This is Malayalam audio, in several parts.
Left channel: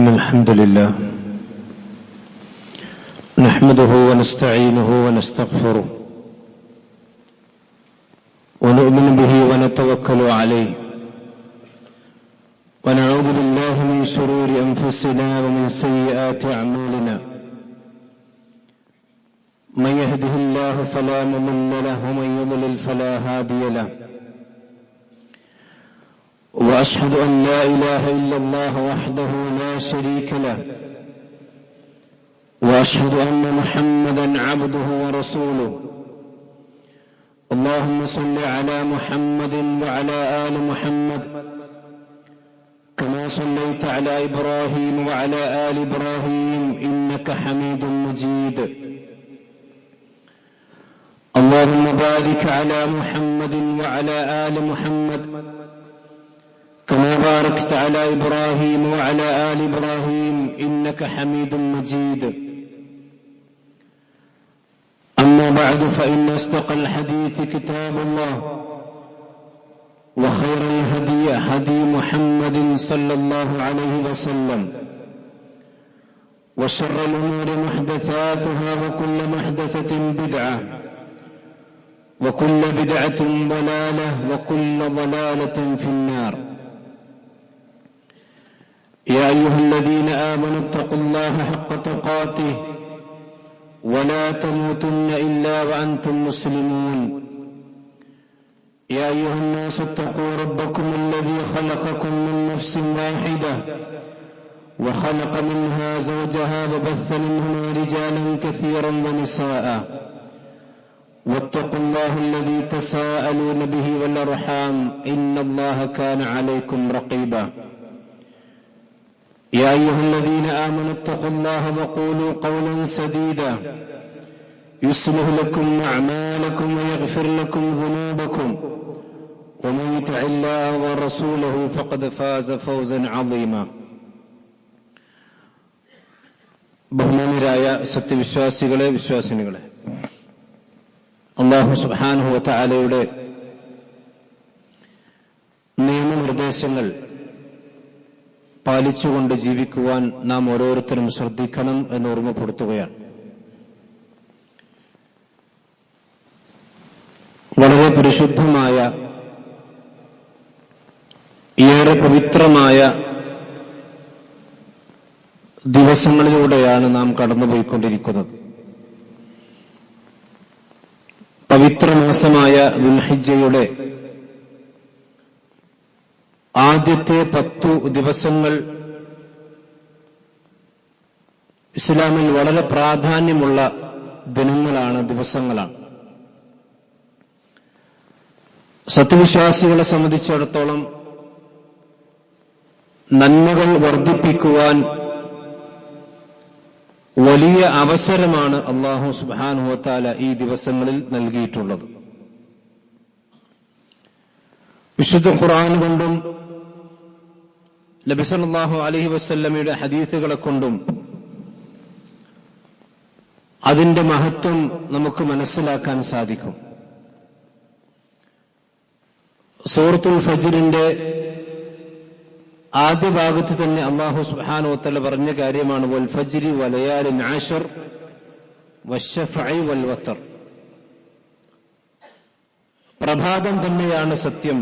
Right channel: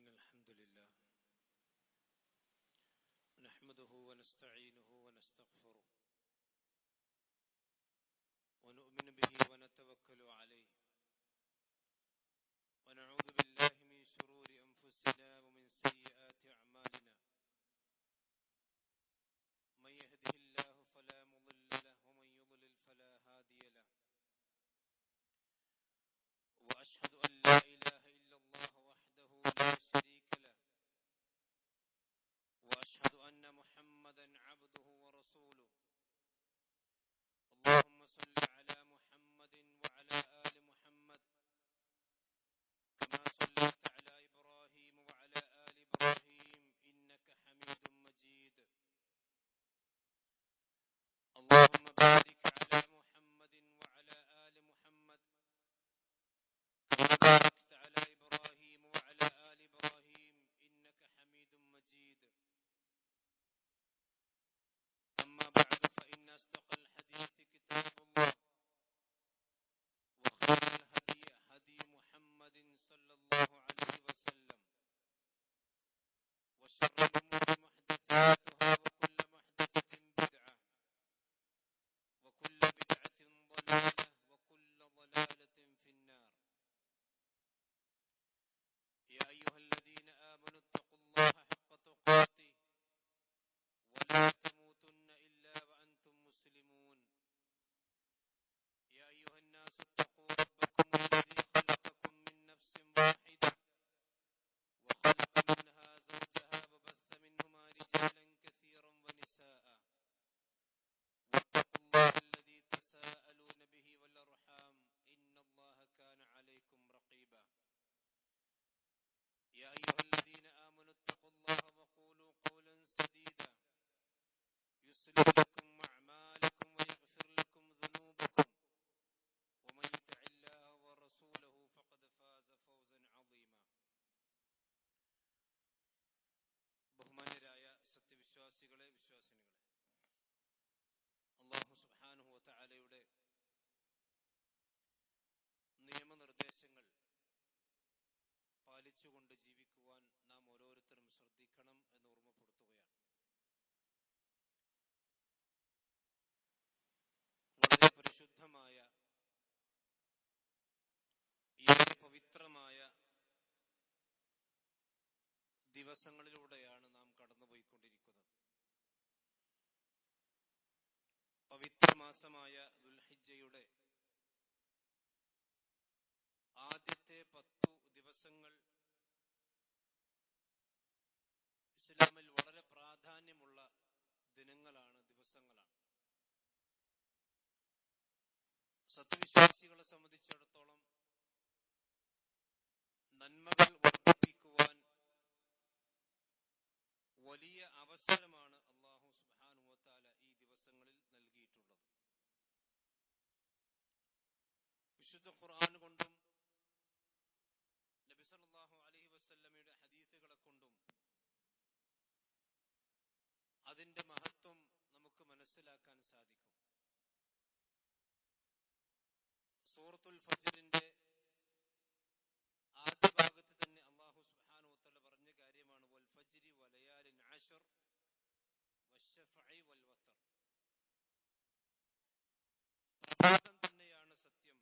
إن الحمد لله نحمده ونستعينه ونستغفره ونؤمن به ونتوكل عليه ونعوذ بالله من شرور أنفسنا ومن سيئات أعمالنا من يهده الله فلا مضل له ومن يضلل فلا هادي له وأشهد أن لا إله إلا الله وحده لا شريك له وأشهد أن محمدا عبده ورسوله اللهم صل على محمد وعلى آل محمد كما صليت على إبراهيم وعلى آل إبراهيم إنك حميد مجيد اللهم بارك على محمد وعلى آل محمد كما باركت على إبراهيم وعلى آل إبراهيم إنك حميد مجيد أما بعد فإن أصدق الحديث كتاب الله وخير الهدي هدي محمد صلى الله عليه وسلم وشر الأمور محدثاتها وكل محدثة بدعة وكل بدعة ضلالة وكل ضلالة في النار يا أيها الذين آمنوا اتقوا الله حق تقاته ولا تموتن إلا وأنتم مسلمون يا أيها الناس اتقوا ربكم الذي خلقكم من نفس واحدة وخلق منها زوجها وبث منهما رجالا كثيرا ونساء واتقوا الله الذي تساءلون به والأرحام إن الله كان عليكم رقيبا يا أيها الذين آمنوا اتقوا الله وقولوا قولا سديدا يصلح لكم أعمالكم ويغفر لكم ذنوبكم ومن يطع الله ورسوله فقد فاز فوزا عظيما ബഹുമാന്യരായ സത്യവിശ്വാസികളെ വിശ്വാസിനികളെ അല്ലാഹു സുബ്ഹാനഹു വ തആലയുടെ നിയമനിർദ്ദേശങ്ങൾ പാലിച്ചുകൊണ്ട് ജീവിക്കുവാൻ നാം ഓരോരുത്തരും ശ്രദ്ധിക്കണം എന്ന് ഓർമ്മപ്പെടുത്തുകയാണ്. വളരെ പരിശുദ്ധമായ ഏറെ പവിത്രമായ ദിവസങ്ങളിലൂടെയാണ് നാം കടന്നുപോയിക്കൊണ്ടിരിക്കുന്നത്. പവിത്രമാസമായ ദുൽഹിജ്ജയുടെ ആദ്യത്തെ 10 ദിവസങ്ങൾ ഇസ്ലാമിൽ വളരെ പ്രാധാന്യമുള്ള ദിനങ്ങളാണ്, ദിവസങ്ങളാണ്. സത്യവിശ്വാസികളെ സംബന്ധിച്ചിടത്തോളം നന്മകൾ വർദ്ധിപ്പിക്കുവാൻ വലിയ അവസരമാണ് അല്ലാഹു സുബ്ഹാനഹു വ തആല ഈ ദിവസങ്ങളിൽ നൽകിയിട്ടുള്ളത്. വിശുദ്ധ ഖുർആൻ കൊണ്ടും നബി സല്ലല്ലാഹു അലൈഹി വസല്ലമയുടെ ഹദീസുകളെ കൊണ്ടും അതിന്റെ മഹത്വം നമുക്ക് മനസ്സിലാക്കാൻ സാധിക്കും. സൂറത്തുൽ ഫജ്റിന്റെ ആദ്യ ഭാഗത്ത് തന്നെ അല്ലാഹു സുബ്ഹാനഹു വ തആല പറഞ്ഞ കാര്യമാണ് വൽ ഫജ്രി വലയാലിൻ അശ്ർ വശഫഇ വൽ വത്ർ. പ്രഭാതം തന്നെയാണ് സത്യം,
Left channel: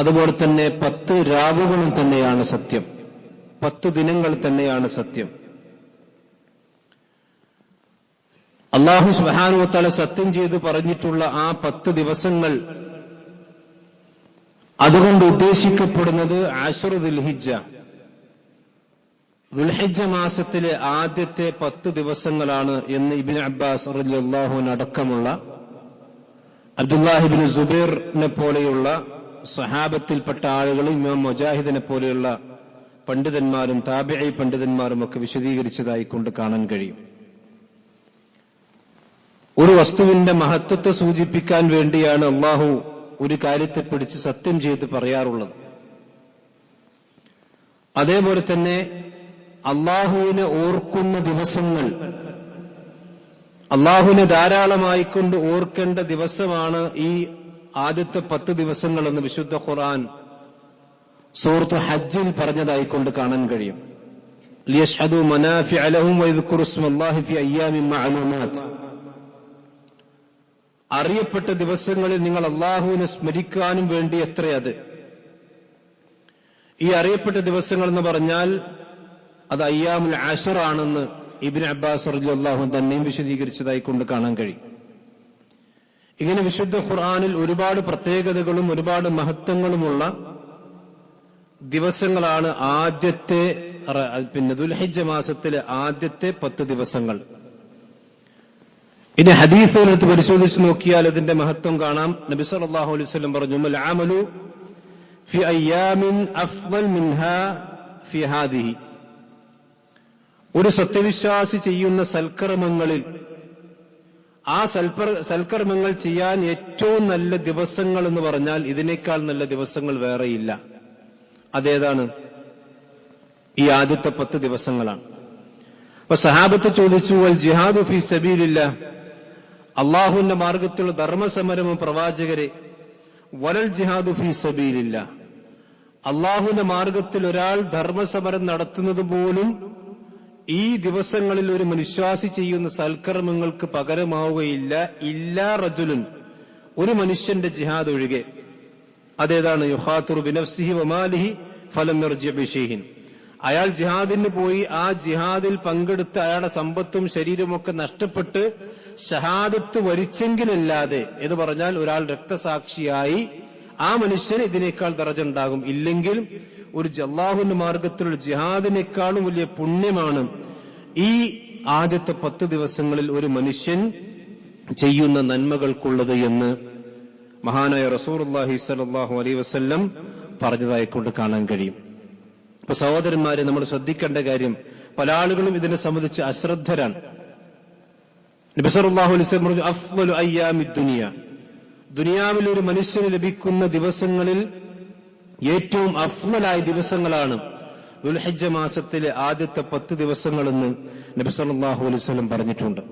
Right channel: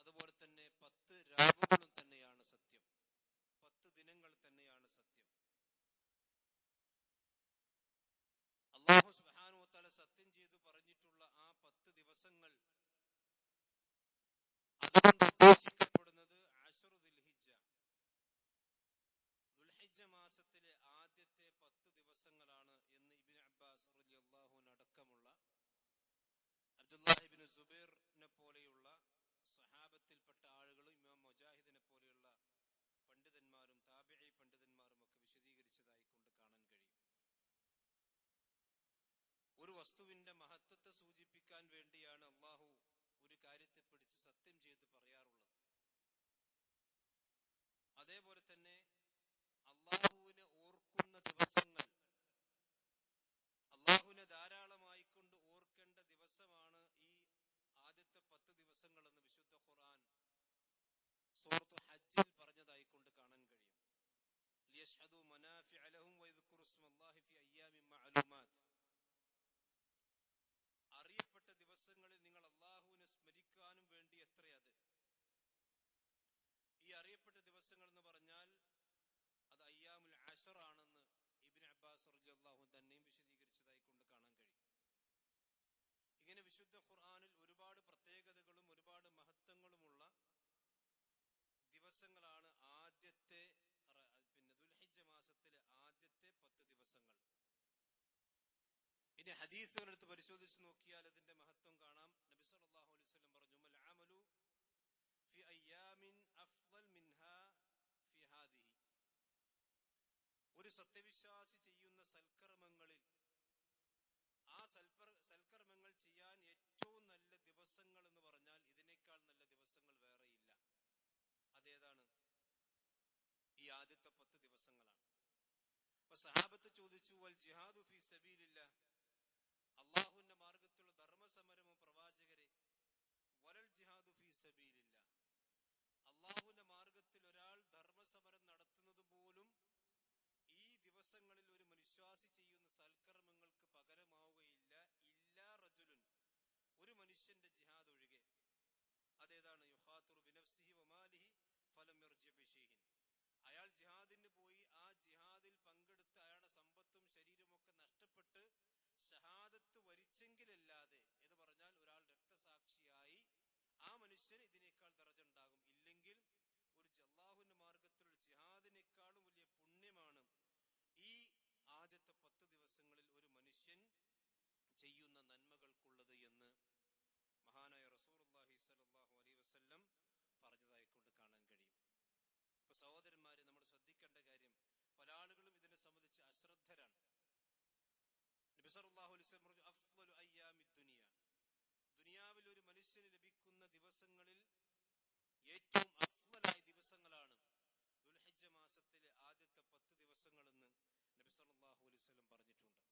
അതുപോലെ തന്നെ 10 രാവുകളും തന്നെയാണ് സത്യം, 10 ദിനങ്ങൾ തന്നെയാണ് സത്യം. അല്ലാഹു സുബ്ഹാനഹു വ തആല സത്യം ചെയ്ത് പറഞ്ഞിട്ടുള്ള ആ 10 ദിവസങ്ങൾ, അതുകൊണ്ട് ഉദ്ദേശിക്കപ്പെടുന്നത് അശ്റു ദുൽഹിജ്ജ, ദുൽഹിജ്ജ മാസത്തിലെ ആദ്യത്തെ 10 ദിവസങ്ങളാണ് എന്ന് ഇബ്നു അബ്ബാസ് റളിയല്ലാഹു അൻഹു അടക്കമുള്ള അബ്ദുല്ലാഹി ഇബ്നു സുബൈറിനെ പോലെയുള്ള സഹാബത്തിൽപ്പെട്ട ആളുകൾ, ഇമാം മുജാഹിദിനെ പോലെയുള്ള പണ്ഡിതന്മാരും താബിഈ പണ്ഡിതന്മാരും ഒക്കെ വിശദീകരിച്ചതായി കൊണ്ട് കാണാൻ കഴിയും. ഒരു വസ്തുവിന്റെ മഹത്വത്തെ സൂചിപ്പിക്കാൻ വേണ്ടിയാണ് അല്ലാഹു ഒരു കാര്യത്തെ പിടിച്ച് സത്യം ചെയ്ത് പറയാറുള്ളത്. അതേപോലെ തന്നെ അല്ലാഹുവിനെ ഓർക്കുന്ന ദിവസങ്ങൾ, അല്ലാഹുവിനെ ധാരാളമായിക്കൊണ്ട് ഓർക്കേണ്ട ദിവസമാണ് ഈ ആദ്യത്തെ 10 ദിവസങ്ങളെന്ന് വിശുദ്ധ ഖുർആൻ സൂറത്ത് ഹജ്ജിൽ പറഞ്ഞതായിക്കൊണ്ട് കാണാൻ കഴിയും. ലിയശ്ഹദു മനാഫിഅ ലഹും വയദ്കുറു ഇസ്മല്ലാഹി ഫി അയ്യാമിൻ മഅലൂമാത്ത്. അറിയപ്പെട്ട ദിവസങ്ങളിൽ നിങ്ങൾ അല്ലാഹുവിനെ സ്മരിക്കാനും വേണ്ടി എത്രയത്. ഈ അറിയപ്പെട്ട ദിവസങ്ങൾ എന്ന് പറഞ്ഞാൽ അത് അയ്യാമുൽ അശ്ർ ആണെന്ന് ഇബ്നു അബ്ബാസ് റളിയല്ലാഹു അൻഹു തന്നെയും വിശദീകരിച്ചതായി കൊണ്ട് കാണാൻ കഴിയും. ഇങ്ങനെ വിശുദ്ധ ഖുർആനിൽ ഒരുപാട് പ്രത്യേകതകളും ഒരുപാട് മഹത്വങ്ങളുമുള്ള ദിവസങ്ങളാണ് ആദ്യത്തെ ദുൽഹിജ്ജ മാസത്തിലെ ആദ്യത്തെ 10 ദിവസങ്ങൾ. ഇനി ഹദീസുകളെടുത്ത് പരിശോധിച്ച് നോക്കിയാൽ ഇതിന്റെ മഹത്വം കാണാം. നബി സല്ലല്ലാഹു അലൈഹി വസല്ലം പറഞ്ഞു, മൽ അമലു ഫി അയ്യാമിൻ അഫ്ളൽ മിൻഹാ ഫി ഹാദിഹി. ഒരു സത്യവിശ്വാസി ചെയ്യുന്ന സൽക്കർമ്മങ്ങളിൽ ആ സൽക്കർമ്മങ്ങൾ ചെയ്യാൻ ഏറ്റവും നല്ല ദിവസങ്ങൾ എന്ന് പറഞ്ഞാൽ ഇതിനേക്കാൾ നല്ല ദിവസങ്ങൾ വേറെയില്ല. അതേതാണ്? ഈ ആദ്യത്തെ 10 ദിവസങ്ങളാണ്. അപ്പൊ സഹാബത്ത് ചോദിച്ചു, വൽ ജിഹാദു ഫീ സബീലില്ലാഹ്, അള്ളാഹുവിന്റെ മാർഗത്തിലുള്ള ധർമ്മസമരവും പ്രവാചകരെ, വലൽ ജിഹാദു ഫീ സബീലില്ലാഹ്, അള്ളാഹുവിന്റെ മാർഗത്തിൽ ഒരാൾ ധർമ്മസമരം നടത്തുന്നത് പോലും ഈ ദിവസങ്ങളിൽ ഒരു മനുഷ്യാസി ചെയ്യുന്ന സൽക്കർമ്മങ്ങൾക്ക് പകരമാവുകയില്ല. ഇല്ലാ റജുലുൻ, ഒരു മനുഷ്യന്റെ ജിഹാദ് ഒഴികെ. അതേതാണ്? യുഖാതിറു ബിനഫ്സിഹി വമാലിഹി ഫലം യർജി ബിശൈഇൻ. അയാൾ ജിഹാദിന് പോയി ആ ജിഹാദിൽ പങ്കെടുത്ത് അയാളുടെ സമ്പത്തും ശരീരമൊക്കെ നഷ്ടപ്പെട്ട് ഷഹാദത്ത് വരിച്ചെങ്കിലല്ലാതെ എന്ന് പറഞ്ഞാൽ ഒരാൾ രക്തസാക്ഷിയായി ആ മനുഷ്യന് ഇതിനേക്കാൾ ദറജ ഉണ്ടാകും. ഇല്ലെങ്കിൽ ഒരു അല്ലാഹുവിന്റെ മാർഗത്തിലുള്ള ജിഹാദിനേക്കാളും വലിയ പുണ്യമാണ് ഈ ആദ്യത്തെ 10 ദിവസങ്ങളിൽ ഒരു മനുഷ്യൻ ചെയ്യുന്ന നന്മകൾക്കുള്ളത് എന്ന് മഹാനായ റസൂലുള്ളാഹി സ്വല്ലല്ലാഹു അലൈഹി വസല്ലം പറഞ്ഞതായിക്കൊണ്ട് കാണാൻ കഴിയും. ഇപ്പൊ സഹോദരന്മാരെ, നമ്മൾ ശ്രദ്ധിക്കേണ്ട കാര്യം, പല ആളുകളും ഇതിനെ സംബന്ധിച്ച് അശ്രദ്ധരാണ്. നബി സല്ലല്ലാഹു അലൈഹി വസല്ലം പറഞ്ഞു, അഫ്ളലു അയ്യാമിദ് ദുനിയ, ദുനിയാവിൽ ഒരു മനുഷ്യന് ലഭിക്കുന്ന ദിവസങ്ങളിൽ ഏറ്റവും അഫ്ളലായ ദിവസങ്ങളാണ് ദുൽഹിജ്ജ മാസത്തിലെ ആദ്യത്തെ 10 ദിവസങ്ങളെന്ന് നബി സല്ലല്ലാഹു അലൈഹി വസല്ലം പറഞ്ഞിട്ടുണ്ട്.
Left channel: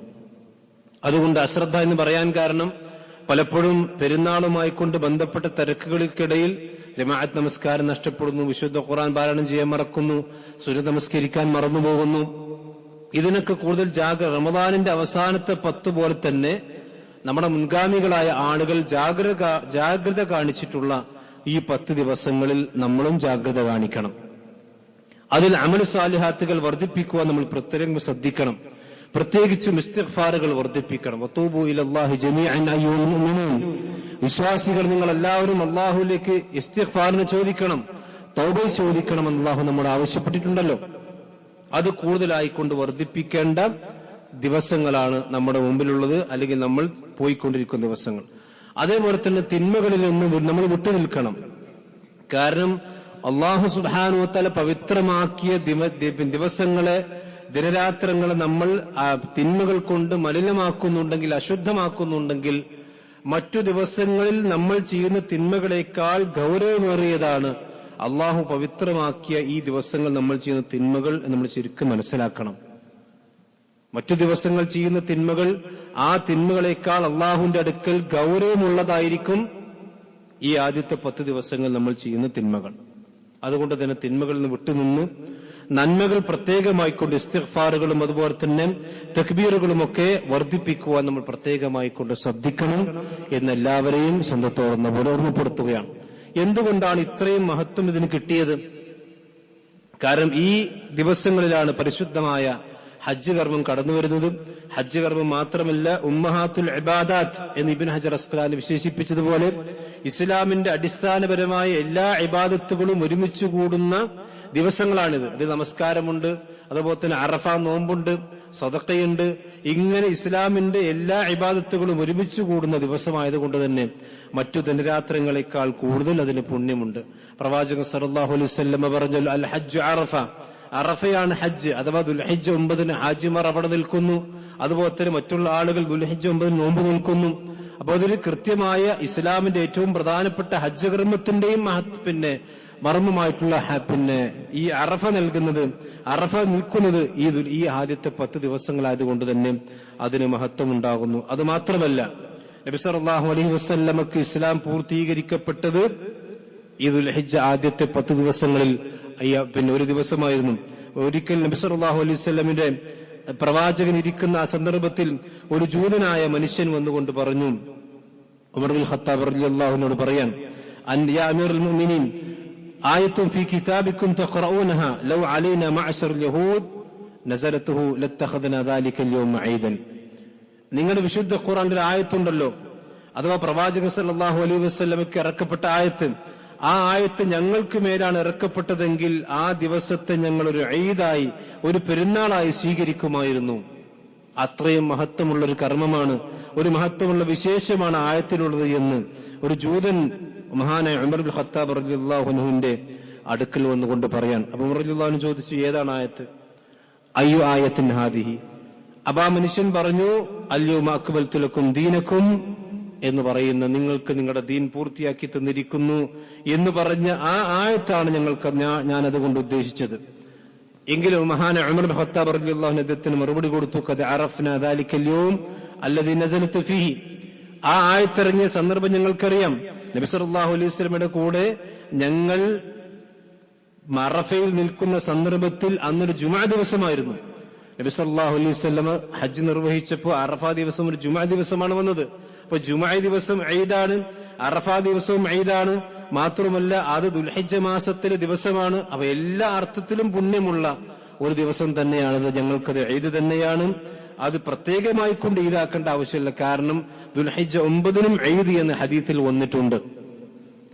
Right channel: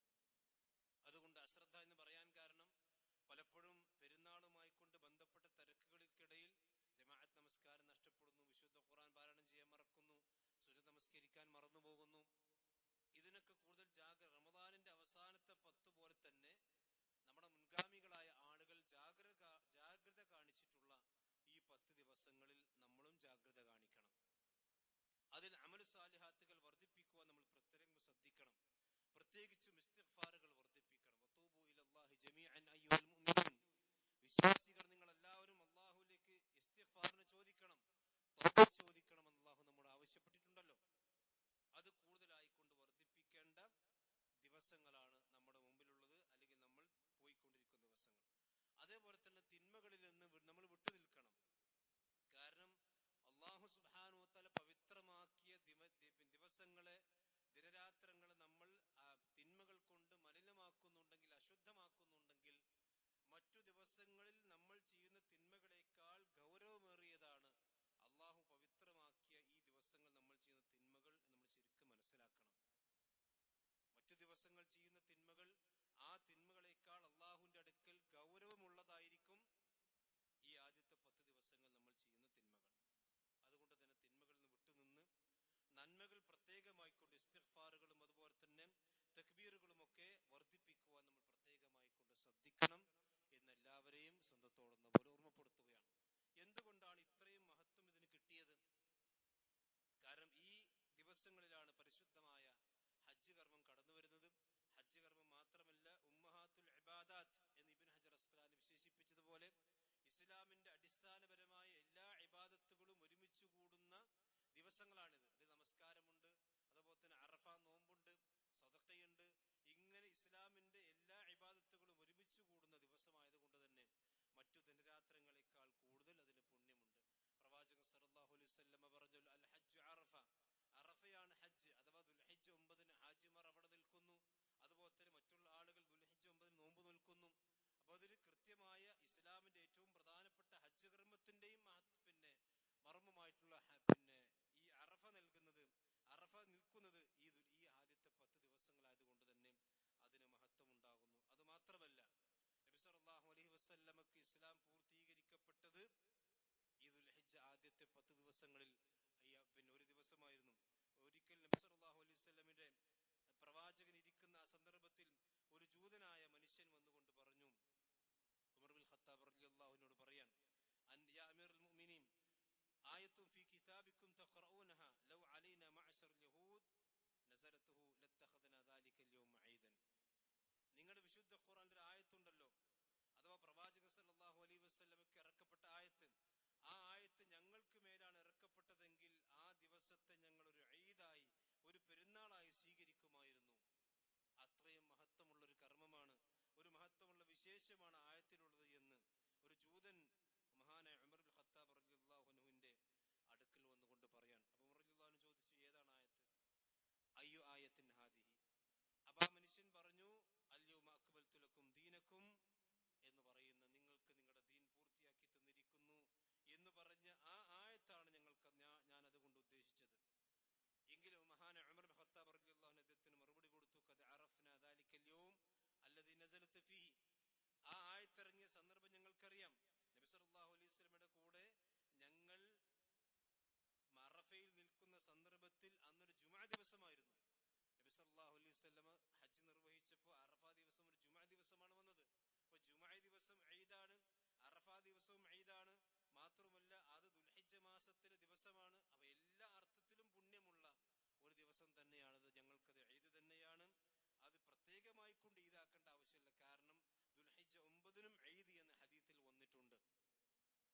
അതുകൊണ്ട് അശ്രദ്ധ എന്ന് പറയാൻ കാരണം, പലപ്പോഴും പെരുന്നാളുമായി കൊണ്ട് ബന്ധപ്പെട്ട തിരക്കുകൾക്കിടയിൽ ജമാഅത്ത് നമസ്കാരം നഷ്ടപ്പെടുന്നു, വിശുദ്ധ ഖുർആൻ പാരായണം ചെയ്യാൻ മറക്കുന്നു, സുന്നത്ത് നമസ്കരിക്കാൻ മറന്നുപോകുന്നു. ഇതിനൊക്കെ കൂടുതൽ റമദാനിന്റെ അവസാനത്തെ 10 പോലെ തന്നെ നമ്മുടെ മുൻഗാമികളായ ആളുകൾ ജാഗ്രത കാണിച്ചിട്ടുള്ള ഈ 10 ദിവസങ്ങളിൽ നമ്മളും ജാഗ്രത കാണിക്കണം. അതിൽ അമൽ സാലിഹാത്തുകൾ വർദ്ധിപ്പിക്കുവാൻ നമ്മൾ പ്രത്യേകം ശ്രദ്ധിക്കണം. പ്രത്യേകിച്ചും ഇസ്തിഗ്ഫാറുകൾ വർദ്ധിപ്പിക്കണം. വതൂബു ഇലല്ലാഹി ജമീഅൻ അയ്യുൽ മുഅ്മിനൂൻ, വിശ്വാസികൾ നിങ്ങൾ എല്ലാവരും അല്ലാഹുവിലേക്ക് ഇസ്തിഗ്ഫാറിനെ ചോദിക്കണം, തൗബ ചോദിക്കണം എന്ന് അല്ലാഹു നമ്മോട് ആവശ്യപ്പെട്ടിട്ടുണ്ടല്ലോ. അത് കൂടുതലായിക്കൊണ്ട് വർദ്ധിപ്പിക്കേണ്ട ദിവസങ്ങളാണ് നമ്മുടെ മുമ്പിലുള്ളത്, അല്ലെങ്കിൽ നമ്മൾ പോയിക്കൊണ്ടിരിക്കുന്ന ദിവസങ്ങൾ. അതേപോലെ തന്നെ തിന്മകളിൽ നിന്ന് നമ്മൾ വിട്ടുനിൽക്കണം. കാരണം അല്ലാഹു സുബ്ഹാനഹു വ തആല പവിത്രമാക്കിയ ദിവസങ്ങളെ, ദിനരാത്രങ്ങളെ നമ്മൾ തിന്മകൾ കൊണ്ട് മലിനമാക്കുന്നുണ്ടെങ്കിൽ, അശുദ്ധമാക്കുന്നുണ്ടെങ്കിൽ, മറ്റു ദിവസങ്ങളിൽ നമ്മൾ ചെയ്യുന്ന തിന്മകളേക്കാൾ ഗൗരവമേറിയതാണ് അല്ലാഹു പവിത്രമാക്കിയ ഈ ദിവസങ്ങൾ നമ്മൾ ചെയ്യുന്ന തിന്മകൾ നമ്മൾ ശരിക്കും മനസ്സിലാക്കണം. മറ്റു ദിവസങ്ങൾ ചെയ്യുന്ന തിന്മകൾ ആ തിന്മകളേക്കാൾ അല്ലാഹുവിന്റെ അടുക്കൽ ഗൗരവമുള്ളതായിരിക്കും ഈ ആദ്യത്തെ 10 ദിവസങ്ങൾ നമ്മൾ ചെയ്യുന്ന തിന്മകൾ. അതുകൊണ്ട് തന്നെ തിന്മകളിൽ നിന്ന് വിട്ടുനിന്ന് നന്മകൾ പ്രത്യേകമായിക്കൊണ്ട് ഇസ്തിഗ്ഫാറുകളും അതുപോലെ തന്നെ തക്ബീറുകളുമൊക്കെ വർദ്ധിപ്പിക്കുവാൻ നമ്മൾ പ്രത്യേകമായിക്കൊണ്ട് ശ്രദ്ധിക്കണം എന്നെല്ലാവരെയും സ്വന്തത്തോടെ ഓർമ്മപ്പെടുത്തുകയാണ്. എന്തുകൊണ്ടാണ് ഇത്രയും മഹത്വം ഇതിന് കിട്ടിയത്? കാരണം ഈ ദിവസങ്ങളിലാണ് പരിശുദ്ധമായ ഹജ്ജ് കർമ്മം കടന്നു വരുന്നത്. ഹജ്ജ് കർമ്മം മാത്രമല്ല, ഉമ്മഹാത്തുൽ ഇബാദാത്ത് എന്ന് ഇബ്നു ഹജർ അസ്ഖലാനി വിശേഷിപ്പിച്ചതുപോലെ ഇസ്ലാമിന്റെ അടിസ്ഥാനപരമായ എല്ലാ ഇബാദത്തുകളും ഒരുമിച്ച് കൂടുന്ന ദിവസങ്ങളാണിത്. അതിൽ നമസ്കാരമുണ്ട്, അതുപോലെ തന്നെ അറഫ നോമ്പുണ്ട്, സദഖയുണ്ട്. ഇങ്ങനെ ഇസ്ലാമിന്റെ എല്ലാ ഇബാദത്തുകളും ഒരുമിച്ച് കൂടുന്ന ദിവസമായതുകൊണ്ട് തന്നെ മറ്റു ദിനരാത്രങ്ങളെക്കാൾ കൂടുതൽ അതിന് പുണ്യമുണ്ട്. പ്രവാചകൻ സല്ലല്ലാഹു അലൈഹി വസല്ലം പറഞ്ഞു, അൽ ഹജ്ജ് അറഫ, അറഫയാണ് ഹജ്ജ്. അഥവാ ദുൽഹിജ്ജ 9 ഹാജിമാർ അവിടെ നിൽക്കുന്നു, അതുപോലെ തന്നെ മറ്റുള്ള ആളുകൾ ദുൽഹിജ്ജ 9 നോമ്പ് നിൽക്കുന്നു. അപ്പോൾ അതിൽ കൃത്യമായ ഇസ്ലാമിന്റെ ഏറ്റവും പ്രധാനപ്പെട്ട ഹജ്ജ് കർമ്മത്തിന്റെയും മർമ്മമായിട്ടുള്ള ഈ അറഫ നൽകുന്നത്, അറഫ നിൽക്കുന്നത് ഈ ആദ്യത്തെ 10 ദിവസങ്ങളായതുകൊണ്ട് തന്നെ അതിന് മഹത്വമുണ്ടാകുന്നു. അത് മാത്രമല്ല, നബി സല്ലല്ലാഹു അലൈഹി വസല്ലമക്ക് ഇസ്ലാം പൂർത്തീകരിക്കപ്പെട്ടത് ഈ ദുൽഹിജ്ജ ആദ്യത്തെ 10 ദിവസങ്ങളിൽ ഒരു ദിവസമായിരുന്നു. ഒരിക്കൽ നബി സല്ലല്ലാഹു അലൈഹി വസല്ലമിന്റെ പ്രവാചകൻ ഇരിക്കുന്ന ആ സന്ദർഭത്തിൽ ഒരു ജൂതനായ മനുഷ്യൻ വന്നുകൊണ്ട് പറഞ്ഞു, ഉമർ ബിൻ ഖത്താബ് റളിയല്ലാഹു അൻഹു പറയാൻ, യാ അമീറുൽ മുഅ്മിനീൻ ആയത്തുൻ ഫീ കിതാബിക്കും തഖറഊനഹാ ലൗ അലൈനാ മഅശറൽ യഹൂദ് നസലതുഹു ലത്തഖദ്നാ ദാലിക യൗമ ഈദൻ. നിങ്ങളുടെ വിശുദ്ധ ഖുർആനിൽ ഒരു ആയത്തുണ്ടല്ലോ, അഥവാ പ്രവാചകൻ സല്ലല്ലാഹു അലൈഹി വസല്ലമയ്ക്ക് ഇറക്കപ്പെട്ട ആയത്ത്, ആ ആയത്ത് ഞങ്ങൾക്ക് മേലാണ് ഇറക്കപ്പെട്ടതെങ്കിൽ ആ ദിവസത്തെ ഞങ്ങൾ ഒരു ഈദായി, ഒരു പെരുന്നാളായി സ്വീകരിക്കുമായിരുന്നു. അത്രയും മഹത്വമുള്ള ഒരു കർമ്മമാണ്, ഒരു മഹത്വമുള്ള വിശേഷമാണ് ആയത്തിലുള്ളത് എന്ന് ഒരു ജൂതൻ മഹാനായ ഉമർ ബിൻ ഖത്താബ് റളിയല്ലാഹു അൻഹുവിന്റെ അടുക്കൽ വന്നുകൊണ്ട് പറയാൻ. അപ്പൊ ഉമർ റളിയല്ലാഹു അൻഹു ചോദിച്ചു, ഏതാണ് ആയത്ത്? അയ്യു ആയത്തിൻ ഹാദിഹി. അപ്പൊ ആ മനുഷ്യൻ പറഞ്ഞു, അൽയൗമ അക്മൽതു ലക്കും ദീനക്കും എന്ന് പറയുന്ന, നിങ്ങൾക്ക് നിങ്ങളുടെ ദീൻ പൂർത്തിയാക്കി തന്നിരിക്കുന്നു എന്ന് പറഞ്ഞ ആ ആയത്താണ് ഞാൻ അതുകൊണ്ട് ഉദ്ദേശിച്ചത്. എങ്കിലും മഹാനായ ഉമർ ബിൻ ഖത്താബ് റളിയല്ലാഹു അൻഹു അദ്ദേഹത്തിന് മറുപടി കൊടുത്തു, ഖദ് അറഫ്നാ ദാലിക്കൽ യൗം അല്ലദീ നസലത് ഫീഹി. ആ ആയത്തിറങ്ങിയ സന്ദർഭം ഞങ്ങൾക്കറിയാം. നബി സല്ലല്ലാഹു അലൈഹി വസല്ലമയുടെ കൂടെ ഞങ്ങൾ അറഫയിൽ നിൽക്കുന്ന സന്ദർഭത്തിൽ അന്നൊരു ജുമുഅ ദിവസമായിരുന്നു. നബി സല്ലല്ലാഹു അലൈഹി വസല്ലമ ഹജ്ജ് നിർവഹിച്ചപ്പോൾ അറഫ ദിവസം ഒരു ജുമുഅ ദിവസമാണ് വന്നത്. അപ്പൊ ജുമുഅ ദിവസം ഈദാണ്, അറഫ ദിവസവും ഈദാണ്. മാത്രമല്ല അത് ദുൽഹിജ്ജ മാസത്തിലെ ദിവസമാണ്. അവ എല്ലാ അർത്ഥത്തിലും പുണ്യമുള്ള ഒരു ദിവസം തന്നെയാണത്. ഞങ്ങൾക്കത് ഈദ് തന്നെയാണ്. അത് പ്രത്യേകമായി കൊണ്ട് ഈദാക്കേണ്ട ആവശ്യമില്ല. കാരണം ദുൽഹിജ്ജ 9 ഈദ് എന്ന് ഹദീസിൽ വന്നിട്ടുണ്ട്.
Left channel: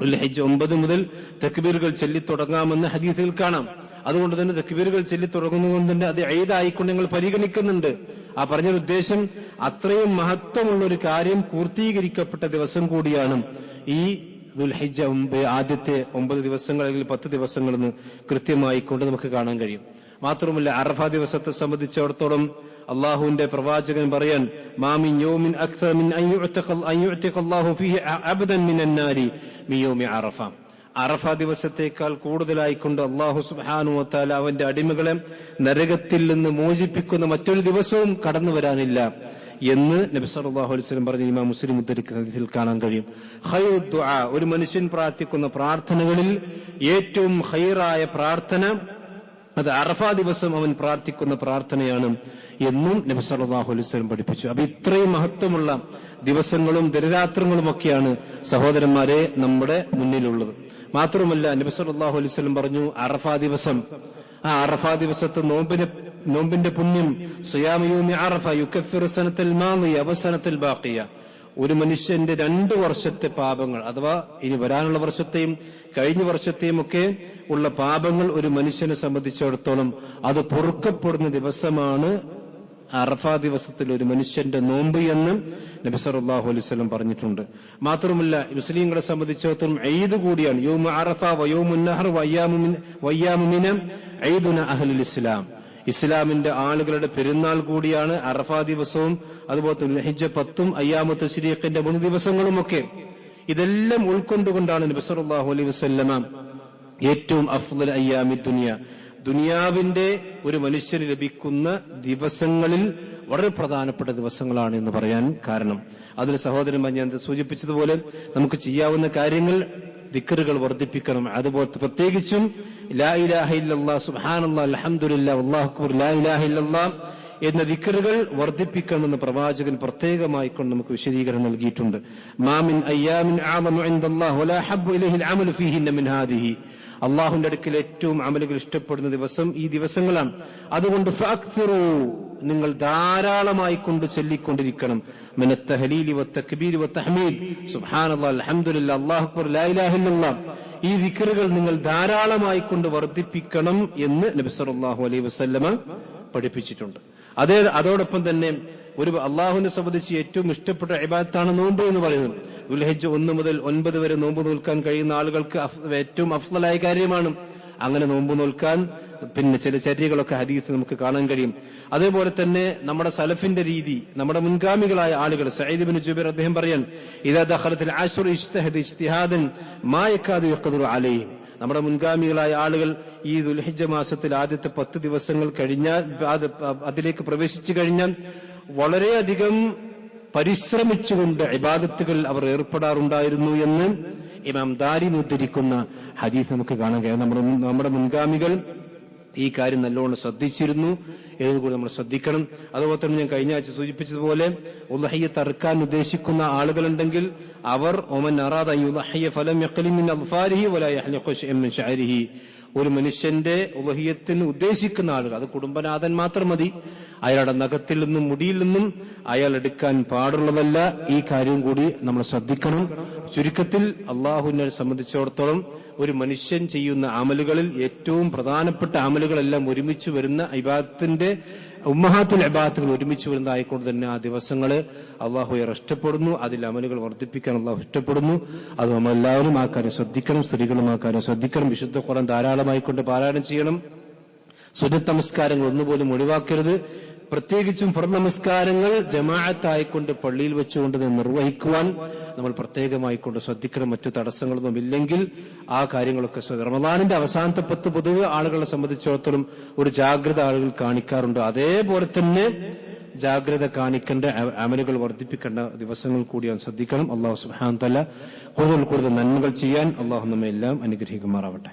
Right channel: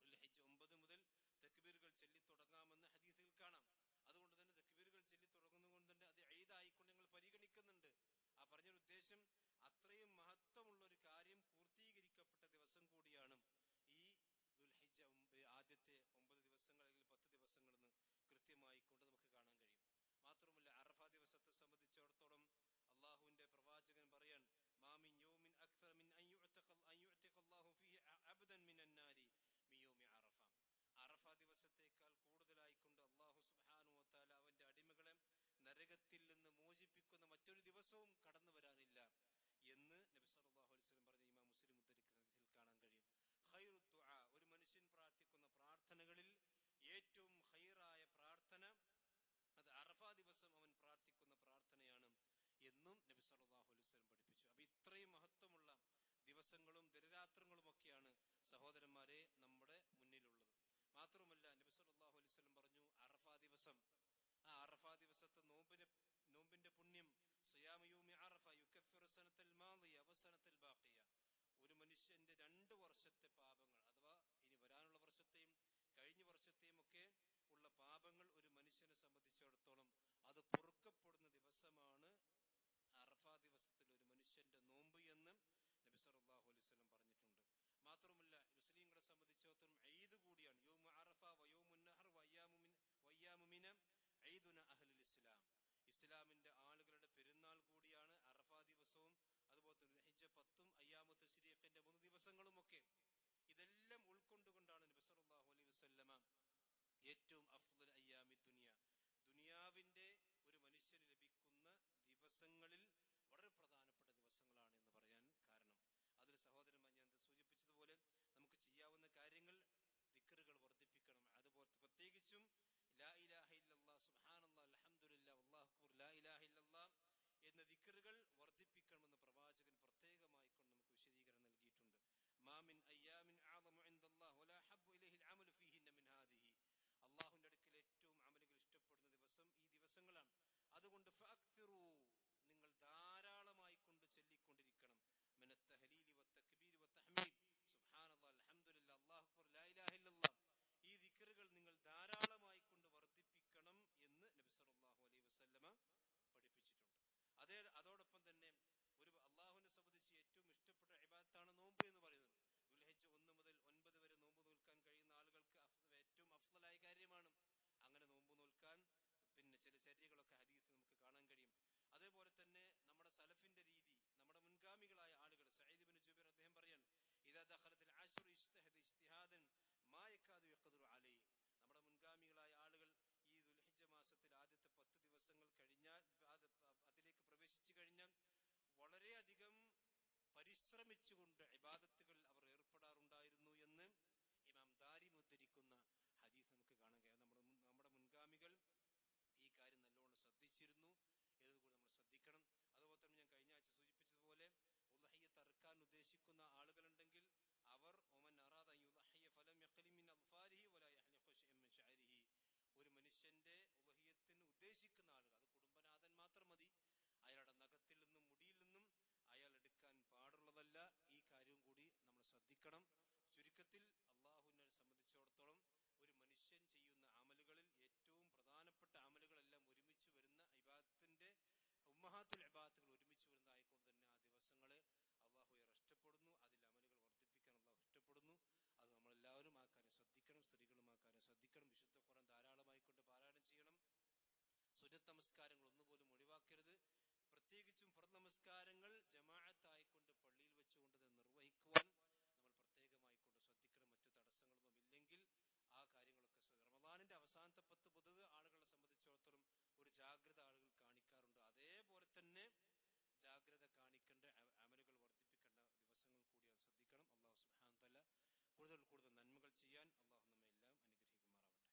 ദുൽഹിജ്ജ 9 മുതൽ തക്ബീറുകൾ ചൊല്ലിത്തുടങ്ങാമെന്ന് ഹദീസിൽ കാണാം. അതുകൊണ്ട് തന്നെ തക്ബീറുകൾ ചൊല്ലിത്തുടങ്ങുന്നതുകൊണ്ട് തന്നെ അത് ഈദായിക്കൊണ്ട് ഞങ്ങൾ പരിഗണിക്കുന്നുണ്ട്. ആ പറഞ്ഞൊരു ഉദ്ദേശം, അത്രയും മഹത്വമുള്ള ഒരു കാര്യം പൂർത്തീകരിക്കപ്പെട്ട ദിവസം കൂടിയാണ് ഈ ദുൽഹിജ്ജ ആദ്യത്തെ 9 ദിവസങ്ങൾ അല്ലെങ്കിൽ 10 ദിവസങ്ങളെന്ന് കൃത്യമായി കൊണ്ട് നമുക്ക് കാണാൻ കഴിയും. മാത്രമല്ല അറഫ ദിവസത്തെ സംബന്ധിച്ചിടത്തോളം അള്ളാഹുവിന്റെ പ്രവാചകൻ പറയാൻ, മാമിൻ യൗമിൻ അക്സർ മിൻ അൻ യുഅ്തിഖ അല്ലാഹു ഫീഹി അബ്ദൻ മിനൻ നാരി മിൻ യൗമി അറഫ. അറഫ ദിവസത്തേക്കാൾ കൂടുതലായിക്കൊണ്ട് അള്ളാഹു സുബ്ഹാനഹു വ തആല അവന്റെ അടിമകളെ നരകത്തിൽ നിന്ന് മോചിപ്പിക്കുന്ന മറ്റൊരു ദിവസവും കടന്നു വരാനില്ല എന്ന് നബി സല്ലല്ലാഹു അലൈഹി വസല്ലം പറഞ്ഞ ഇമാം മുസ്ലിം ഉദ്ധരിക്കുന്ന ഹദീസിൽ കാണാൻ കഴിയും. ഖൈറു ദുആ, ഒരു മനുഷ്യൻ പ്രാർത്ഥിക്കുന്ന പ്രാർത്ഥനകളിൽ ഏറ്റവും ഖൈറായ പ്രാർത്ഥന അത് അറഫ ദിവസം അവൻ പ്രാർത്ഥിക്കുന്ന പ്രാർത്ഥനയാണ് എന്നും നബി സല്ലല്ലാഹു അലൈഹി വസല്ലം പഠിപ്പിച്ചു. അപ്പൊ ഇത്രയും മഹത്വമുള്ള ദിവസങ്ങളും ദിനരാത്രങ്ങളും ഒക്കെയാണ് സഹോദരന്മാരെ നമ്മുടെ മുന്നിലുള്ളത്. മാത്രമല്ല നബി സല്ലല്ലാഹു അലൈഹി വസല്ലം പറഞ്ഞു, അറഫ ദിവസം, ആ അറഫ ദിവസത്തെ നോമ്പിന്റെ പുണ്യം, സിയാമു യൗമി അറഫ യുകഫിറു സനത്തൽ മാദിയ വസനത്തൽ ബാഖിയ. ഒരു മനുഷ്യന്റെ 2 വർഷത്തെ പാപങ്ങൾ, അഥവാ ഇനി വരാനുള്ള വർഷത്തെയും കഴിഞ്ഞ വർഷത്തെയും ഒക്കെ ഉള്ള പാപങ്ങൾ ഒരു മനുഷ്യനെ സംബന്ധിച്ചിടത്തോളം അത് പൊറുക്കപ്പെടുന്ന ദിവസമാണ് അറഫ ദിവസത്തിൽ ഒരു മനുഷ്യന്റെ നോമ്പ് എന്ന് നബി സല്ലല്ലാഹു അലൈഹി വസല്ലം പറഞ്ഞിട്ടുണ്ട്. മാത്രമല്ല മുസ്ലിങ്ങളെ സംബന്ധിച്ചിടത്തോളം ഈദ് കൂടിയാണ്. യൗമു അറഫ വ യൗമുൻ നഹർ വയ്യാമു മിന ഈദുന അഹ്ലുൽ ഇസ്ലാം. ഇസ്ലാമിന്റെ ആളുകളുടെ പെരുന്നാൾ കൂടിയാണ് അറഫ ദിവസവും അതുപോലെ ദുൽഹിജ്ജ 10ഉം അയ്യാമു തശ്രീഖിന്റെ 3 ദിവസങ്ങളുമൊക്കെ. ഇതെല്ലാം ഉൾക്കൊണ്ടുകൊണ്ടാണ് നബി സല്ലല്ലാഹു അലൈഹി വസല്ലമ ഏറ്റവും അഫ്ളൽ അയ്യാമി ദുനിയ, ദുനിയാവിന്റെ ഒരു മനുഷ്യന് ലഭിക്കുന്ന ദിവസങ്ങളിൽ വളരെ പ്രധാനപ്പെട്ട ദിവസങ്ങളാണ് എന്ന് പറയാൻ കാരണം. അതിൽ സഹോദരന്മാർ ഞാൻ സൂചിപ്പിച്ചതുപോലെ നമുക്ക് ചെയ്യാവുന്ന കാര്യങ്ങൾ ദിക്റുകൾ വർദ്ധിപ്പിക്കണം. അതുപോലെ പ്രത്യേകിച്ചും ലാ ഇലാഹ ഇല്ലല്ലാഹ് സുബ്ഹാനല്ലാഹ് അൽഹംദുലില്ലാഹ് വല്ലാഹു അക്ബർ ലാ ഇലാഹ ഇല്ലല്ലാഹ് എന്ന ദിക്റുകൾ വർദ്ധിപ്പിക്കണമെന്ന് പ്രവാചകൻ പ്രത്യേകമായി കൊണ്ട് നമുക്ക് വിശദീകരണം നൽകിയിട്ടുണ്ട്. മാമിൻ അയ്യാമിൻ അഅ്ളമു ഇൻദല്ലാഹി വലാ ഹബ്ബു ഇലൈഹിൽ അമലു ഫീഹിന്ന മിൻ ഹാദിഹി. അള്ളാഹുവിന്റെ അടുക്കൽ ഏറ്റവും അമലുകൾ ഇഷ്ടപ്പെടുന്ന ദിവസം ഈ ദിവസങ്ങളാണ്. അതുകൊണ്ട് ഫഅക്സിറൂ, നിങ്ങൾ ധാരാളമായി കൊണ്ട് ചൊല്ലിക്കൊണ്ടിരിക്കണം. മിനത്ത് തഹ്ലീലി വത്തക്ബീരി വത്തഹ്മീദ് സുബ്ഹാനല്ലാഹ് അൽഹംദുലില്ലാഹ് അല്ലാഹു അക്ബർ ലാ ഇലാഹ ഇല്ലല്ലാഹ്. ഈ ദിക്റുകൾ നിങ്ങൾ ധാരാളമായി കൊണ്ട് വർദ്ധിപ്പിക്കണം എന്ന് നബി സല്ലല്ലാഹു അലൈഹി വസല്ലമ പഠിപ്പിച്ചിട്ടുണ്ട്. അതോടൊപ്പം തന്നെ ഒരു അള്ളാഹുവിനെ സംബന്ധിച്ച് ഏറ്റവും ഇഷ്ടപ്പെട്ട ഇബാദത്താണ് നോമ്പ് എന്ന് പറയുന്നത്. ദുൽഹിജ്ജ 1 മുതൽ 9 വരെ നോമ്പ് നോൽക്കാൻ കഴിയുന്ന ആളുകൾക്ക് ഏറ്റവും അഫ്ളലായ കാര്യമാണ്. അങ്ങനെ നോമ്പ് നോൽക്കാൻ പിന്നെ ചില ചര്യകളൊക്കെ ഹദീസ് നമുക്ക് കാണാൻ കഴിയും. അതേപോലെ തന്നെ നമ്മുടെ സലഫിന്റെ രീതി, നമ്മുടെ മുൻഗാമികളായ ആളുകൾ, സഈദ് ഇബ്നു ജുബൈർ അദ്ദേഹം പറയാൻ, ഇദാ ദഖലത്തിൽ അശ്റു ഇജ്തഹദ ഇജ്തിഹാദൻ മാ യകാദു യഖ്ദിറു അലൈഹി. നമ്മുടെ മുൻഗാമികളായ ആളുകൾ ഈ ദുൽഹിജ്ജ മാസത്തിൽ ആദ്യത്തെ 10 ദിവസങ്ങൾ കഴിഞ്ഞാൽ, അതിലേക്ക് പ്രവേശിച്ചു കഴിഞ്ഞാൽ വളരെയധികം പരിശ്രമിച്ചുകൊണ്ട് ഇബാദത്തുകൾ അവർ ഏർപ്പെടാറുണ്ടായിരുന്നു എന്ന് ഇമാം ദാരിമി ഉദ്ധരിക്കുന്ന ഹദീസ് നമുക്ക് കാണാൻ കഴിയും. നമ്മുടെ മുൻഗാമികൾ ഈ കാര്യം നല്ലോണം ശ്രദ്ധിച്ചിരുന്നു എന്നതുകൂടി നമ്മൾ ശ്രദ്ധിക്കണം. അതുപോലെ തന്നെ ഞാൻ കഴിഞ്ഞ ആഴ്ച സൂചിപ്പിച്ചതുപോലെ ഉദ്ഹിയ്യത്ത് അറുക്കാൻ ഉദ്ദേശിക്കുന്ന ആളുകളുണ്ടെങ്കിൽ അവർ ഒമൻ അറാദ യുദ്ഹിയ ഫലം യഖ്ലി മിൻ അദ്ഫാരിഹി വലാ യഹ്ലിഖു ശൈഅൻ മിൻ ശഅരിഹി, ഒരു മനുഷ്യന്റെ ഉദ്ഹിയ്യത്തിന് ഉദ്ദേശിക്കുന്ന ആളുകൾ, അത് കുടുംബനാഥൻ മാത്രം മതി, അയാളുടെ നഖത്തിൽ നിന്നും മുടിയിൽ നിന്നും അയാൾ എടുക്കാൻ പാടുള്ളതല്ല. ഈ കാര്യം കൂടി നമ്മൾ ശ്രദ്ധിക്കണം. ചുരുക്കത്തിൽ അള്ളാഹുവിനെ സംബന്ധിച്ചിടത്തോളം ഒരു മനുഷ്യൻ ചെയ്യുന്ന അമലുകളിൽ ഏറ്റവും പ്രധാനപ്പെട്ട അമലുകളെല്ലാം ഒരുമിച്ച് വരുന്ന ഇബാദത്തിന്റെ ഉമ്മഹാത്തുൽ ഇബാദത്തുകൾ ഒരുമിച്ച് വരുന്നതായിക്കൊണ്ട് തന്നെ ആ ദിവസങ്ങള് അള്ളാഹു ഇഷ്ടപ്പെടുന്നു. അതിൽ അമലുകൾ വർദ്ധിപ്പിക്കാൻ അള്ളാഹു ഇഷ്ടപ്പെടുന്നു. അത് നമ്മളെല്ലാവരും ആ കാര്യം ശ്രദ്ധിക്കണം. സ്ത്രീകളും ആ കാര്യം ശ്രദ്ധിക്കണം. വിശുദ്ധ ഖുർആൻ ധാരാളമായിക്കൊണ്ട് പാരായണം ചെയ്യണം. സുന്നത്ത് നമസ്കാരങ്ങൾ ഒന്നുപോലും ഒഴിവാക്കരുത്. പ്രത്യേകിച്ചും ഫർദ് നമസ്കാരങ്ങൾ ജമാഅത്തായിക്കൊണ്ട് പള്ളിയിൽ വെച്ചുകൊണ്ട് നിർവഹിക്കുവാൻ നമ്മൾ പ്രത്യേകമായിക്കൊണ്ട് ശ്രദ്ധിക്കണം. മറ്റു തടസ്സങ്ങളൊന്നും ഇല്ലെങ്കിൽ ആ കാര്യങ്ങളൊക്കെ റമദാനിന്റെ അവസാനത്തെ 10 പൊതുവെ ആളുകളെ സംബന്ധിച്ചിടത്തോളം ഒരു ജാഗ്രത ആളുകൾ കാണിക്കാറുണ്ട്. അതേപോലെ തന്നെ ജാഗ്രത കാണിക്കേണ്ട അമലുകൾ വർദ്ധിപ്പിക്കേണ്ട ദിവസങ്ങൾ കൂടിയാണ് ശ്രദ്ധിക്കണം. അള്ളാഹു സുബ്ഹാനഹു തആല കൂടുതൽ നന്മകൾ ചെയ്യാൻ അള്ളാഹു നമ്മെ എല്ലാം അനുഗ്രഹിക്കുമാറാവട്ടെ.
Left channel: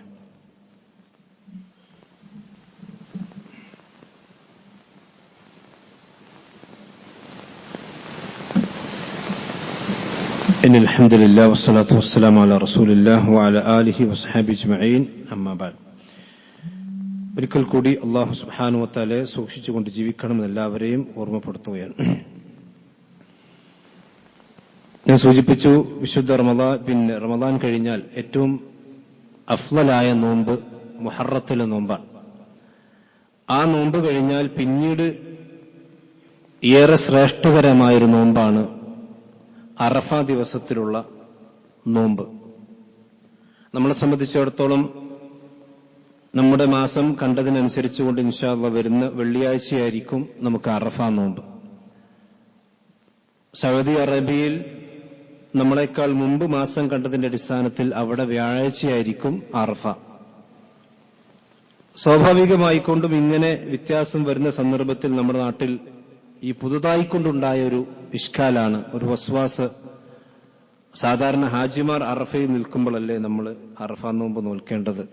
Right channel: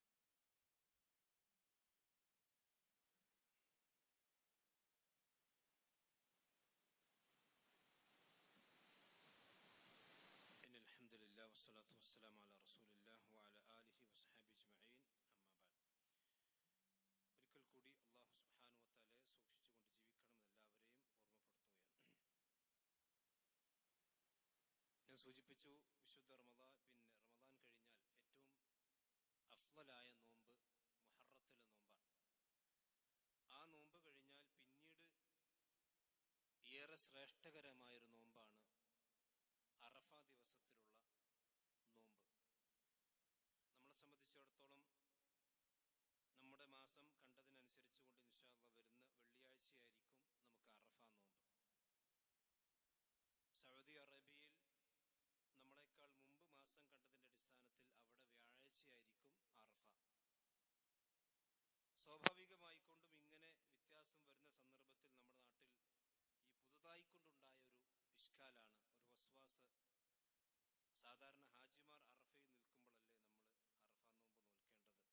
إن الحمد لله والصلاة والسلام على رسول الله وعلى آله وصحبه أجمعين أما بعد. ഒരിക്കൽ കൂടി അല്ലാഹു സുബ്ഹാനഹു വ തആലയെ സൂക്ഷിച്ചുകൊണ്ട് ജീവിക്കണമെന്ന് എല്ലാവരെയും ഓർമ്മപ്പെടുത്തുകയാണ്. ഞാൻ സൂചിപ്പിച്ചു, വിശുദ്ധ റമദാൻ കഴിഞ്ഞാൽ ഏറ്റവും അഫ്ളലായ നോമ്പ് മുഹറത്തിലെ നോമ്പാണ്. ആ നോമ്പ് കഴിഞ്ഞാൽ പിന്നീട് ഏറെ ശ്രേഷ്ഠകരമായൊരു നോമ്പാണ് അറഫ ദിവസത്തിലുള്ള നോമ്പ്. നമ്മളെ സംബന്ധിച്ചിടത്തോളം നമ്മുടെ മാസം കണ്ടതിനനുസരിച്ചുകൊണ്ട് ഇൻഷാ അല്ലാഹ് വരുന്ന വെള്ളിയാഴ്ചയായിരിക്കും നമുക്ക് അറഫ നോമ്പ്. സൗദി അറേബ്യയിൽ നമ്മളെക്കാൾ മുമ്പ് മാസം കണ്ടതിന്റെ അടിസ്ഥാനത്തിൽ അവിടെ വ്യാഴാഴ്ചയായിരിക്കും അറഫ. സ്വാഭാവികമായിക്കൊണ്ടും ഇങ്ങനെ വ്യത്യാസം വരുന്ന സന്ദർഭത്തിൽ നമ്മുടെ നാട്ടിൽ ഈ പുതുതായിക്കൊണ്ടുണ്ടായ ഒരു ഇഷ്കാലാണ്, ഒരു വസ്വാസ്. സാധാരണ ഹാജിമാർ അറഫയിൽ നിൽക്കുമ്പോഴല്ലേ നമ്മൾ അറഫ നോമ്പ് നോൽക്കേണ്ടത്?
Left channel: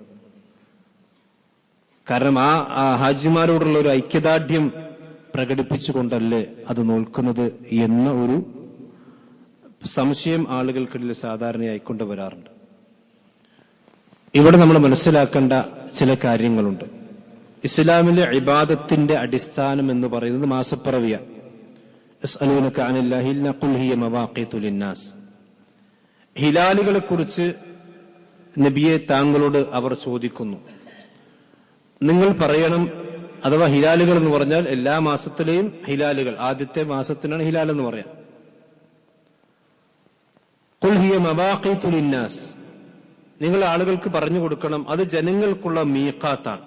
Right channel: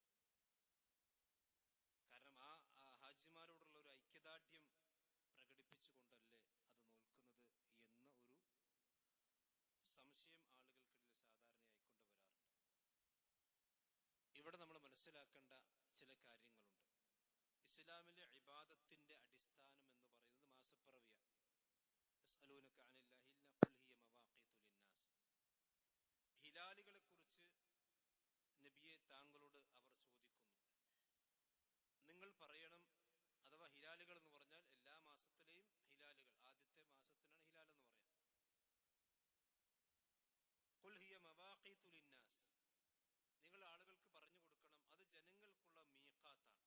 കാരണം ആ ഹാജിമാരോടുള്ള ഒരു ഐക്യദാർഢ്യം പ്രകടിപ്പിച്ചുകൊണ്ടല്ലേ അത് നോൽക്കുന്നത് എന്ന ഒരു സംശയം ആളുകൾക്കിടയിൽ സാധാരണയായിക്കൊണ്ട് വരാറുണ്ട്. ഇവിടെ നമ്മൾ മനസ്സിലാക്കേണ്ട ചില കാര്യങ്ങളുണ്ട്. ഇസ്ലാമിലെ ഇബാദത്തിന്റെ അടിസ്ഥാനം എന്ന് പറയുന്നത് മാസപ്പിറവിയാണ്. യസ്അലൂനക അനിൽ ഹിൽ ഖുൽ ഹിയ മവാഖീതു ലിന്നാസ്. ഹിലാലുകളെ കുറിച്ച് നബിയെ താങ്കളോട് അവർ ചോദിക്കുന്നു. നിങ്ങൾ പറയണം, അഥവാ ഹിലാലുകൾ എന്ന് പറഞ്ഞാൽ എല്ലാ മാസത്തിലെയും ഹിലാലുകൾ, ആദ്യത്തെ മാസത്തിനാണ് ഹിലാൽ എന്ന് പറയാം. ഖുൽ ഹിയ മവാഖീതു ലിന്നാസ്, നിങ്ങൾ ആളുകൾക്ക് പറഞ്ഞു കൊടുക്കണം, അത് ജനങ്ങൾക്കുള്ള മീഖാത്താണ്.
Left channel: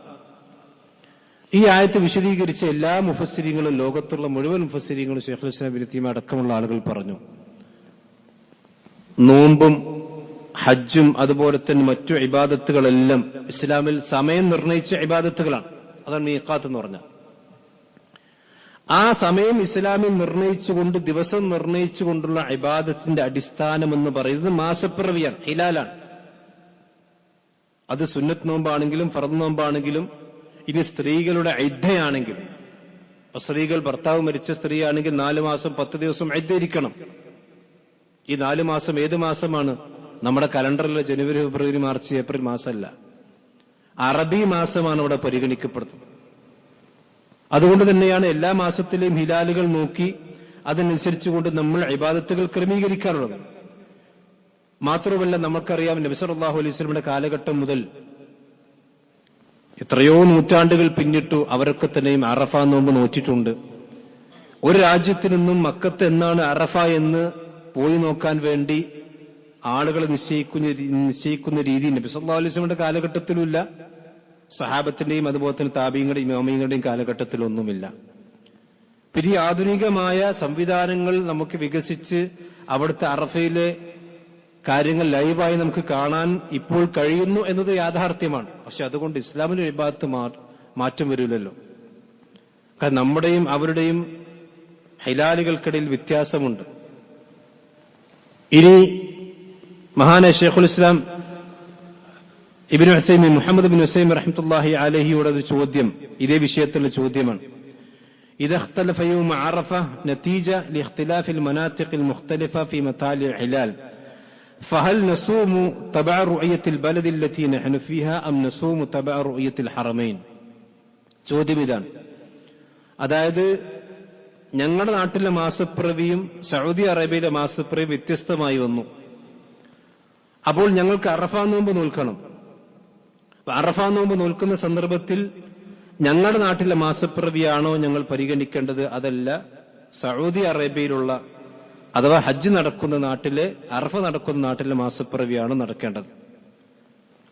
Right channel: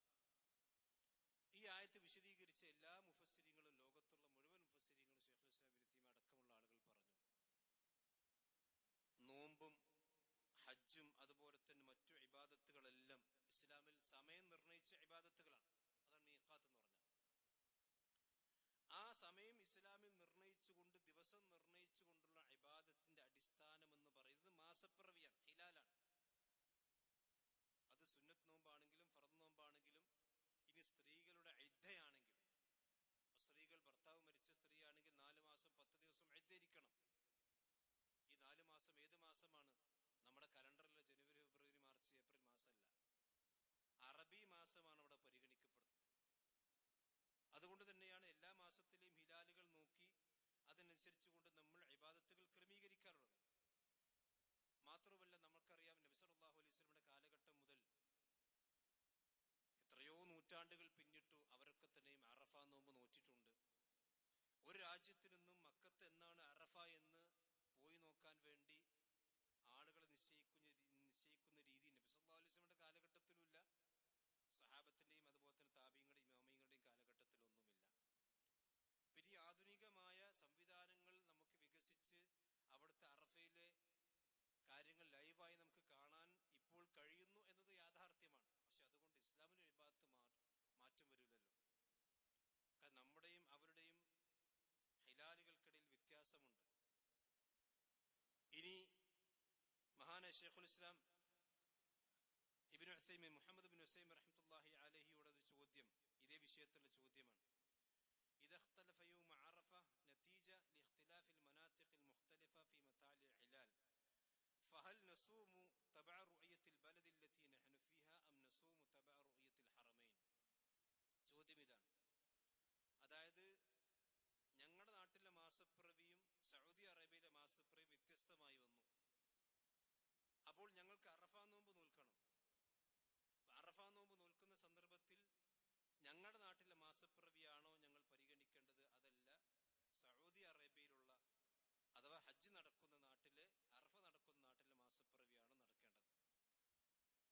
ഈ ആയത്ത് വിശദീകരിച്ച എല്ലാ മുഫസ്സിരീങ്ങളും, ലോകത്തുള്ള മുഴുവൻ മുഫസ്സിരീങ്ങളും, ശൈഖുൽ ഇസ്ലാം ഇബ്നു തൈമിയ്യ അടക്കമുള്ള ആളുകൾ പറഞ്ഞു, നോമ്പും ഹജ്ജും അതുപോലെ തന്നെ മറ്റു ഇബാദത്തുകളെല്ലാം ഇസ്ലാമിൽ സമയം നിർണയിച്ച ഇബാദത്തുകളാണ്. അതാണ് മീഖാത്ത് എന്ന് പറഞ്ഞാൽ. ആ സമയം ഇസ്ലാമിൽ നിർണയിച്ചുകൊണ്ട്, ദിവസം നിർണയിച്ചുകൊണ്ടുള്ള ഇബാദത്തിന്റെ അടിസ്ഥാനം എന്ന് പറയുന്നത് മാസപ്പിറവിയാണ്, ഹിലാലാണ്. അത് സുന്നത്ത് നോമ്പാണെങ്കിലും ഫർദ് നോമ്പാണെങ്കിലും, ഇനി സ്ത്രീകളുടെ ഇദ്ദയാണെങ്കിലും, സ്ത്രീകൾ ഭർത്താവ് മരിച്ച സ്ത്രീയാണെങ്കിൽ 4 മാസം 10 ദിവസം ഇദ്ദയിരിക്കണം. ഈ 4 മാസം ഏത് മാസമാണ്? നമ്മുടെ കലണ്ടറിലെ ജനുവരി, ഫെബ്രുവരി, മാർച്ച്, ഏപ്രിൽ മാസമല്ല, അറബി മാസമാണ് അവിടെ പരിഗണിക്കപ്പെടുന്നത്. അതുകൊണ്ട് തന്നെയാണ് എല്ലാ മാസത്തിലെയും ഹിലാലുകൾ നോക്കി അതിനനുസരിച്ചുകൊണ്ട് നമ്മൾ ഇബാദത്തുകൾ ക്രമീകരിക്കാറുള്ളത്. മാത്രമല്ല, നമുക്കറിയാം നബി സല്ലല്ലാഹു അലൈഹി വസല്ലമയുടെ കാലഘട്ടം മുതൽ എത്രയോ നൂറ്റാണ്ടുകൾ പിന്നിട്ടു അവരൊക്കെ തന്നെയും അറഫ നോമ്പ് നോറ്റിട്ടുണ്ട്. ഒരു രാജ്യത്തു നിന്നും മക്കത്ത് എന്നാണ് അറഫ എന്ന് പോയി നോക്കാൻ വേണ്ടി ആളുകൾ നിശ്ചയിക്കുന്ന രീതി നബി സല്ലല്ലാഹു അലൈഹി വസല്ലമയുടെ കാലഘട്ടത്തിലുമില്ല, സഹാബത്തിന്റെയും അതുപോലെ തന്നെ താബീങ്ങളുടെയും ഇമാമിങ്ങളുടെയും കാലഘട്ടത്തിലൊന്നുമില്ല. പിന്നെ ആധുനികമായ സംവിധാനങ്ങൾ നമുക്ക് വികസിച്ച് അവിടുത്തെ അറഫയിലെ കാര്യങ്ങൾ ലൈവായി നമുക്ക് കാണാൻ ഇപ്പോൾ കഴിയുന്നു എന്നത് യാഥാർത്ഥ്യമാണ്. പക്ഷെ അതുകൊണ്ട് ഇസ്ലാമിന്റെ ഇബാദത്ത് മാറ്റം വരില്ലല്ലോ. കാരണം നമ്മുടെയും അവരുടെയും ഹിലാലുകൾക്കിടയിൽ വ്യത്യാസമുണ്ട്. ഇനി മഹാനായ ശൈഖുൽ ഇസ്ലാം ഇബ്നു ഉസൈമീൻ മുഹമ്മദ് ഇബ്നു ഉസൈമീൻ റഹ്മത്തുള്ളാഹി അലൈഹിയുടെ ഒരു ചോദ്യം ഇതേ വിഷയത്തിലുള്ള ചോദ്യമാണ്. إذا اختلف يوم عرفة نتيجة لاختلاف المناطق المختلفة في مطالع الهلال فهل نصوم تبع رؤية البلد التي نحن فيها أم نصوم تبع رؤية الحرمين? ചോദ്യം ഇതാണ്. അതായത് ഞങ്ങളുടെ നാട്ടിലെ മാസപ്പിറവിയും സൗദി അറേബ്യയിലെ മാസപ്പിറവിയും വ്യത്യസ്തമായി വന്നു. അപ്പോൾ ഞങ്ങൾക്ക് അറഫ നോമ്പ് നോൽക്കണം. അറഫ നോമ്പ് നോൽക്കുന്ന സന്ദർഭത്തിൽ ഞങ്ങളുടെ നാട്ടിലെ മാസപ്പിറവിയാണോ ഞങ്ങൾ പരിഗണിക്കേണ്ടത്, അതല്ല സൗദി അറേബ്യയിലുള്ള അഥവാ ഹജ്ജ് നടക്കുന്ന നാട്ടിലെ അറഫ നടക്കുന്ന നാട്ടിലെ മാസപ്പിറവിയാണോ നടക്കേണ്ടത്?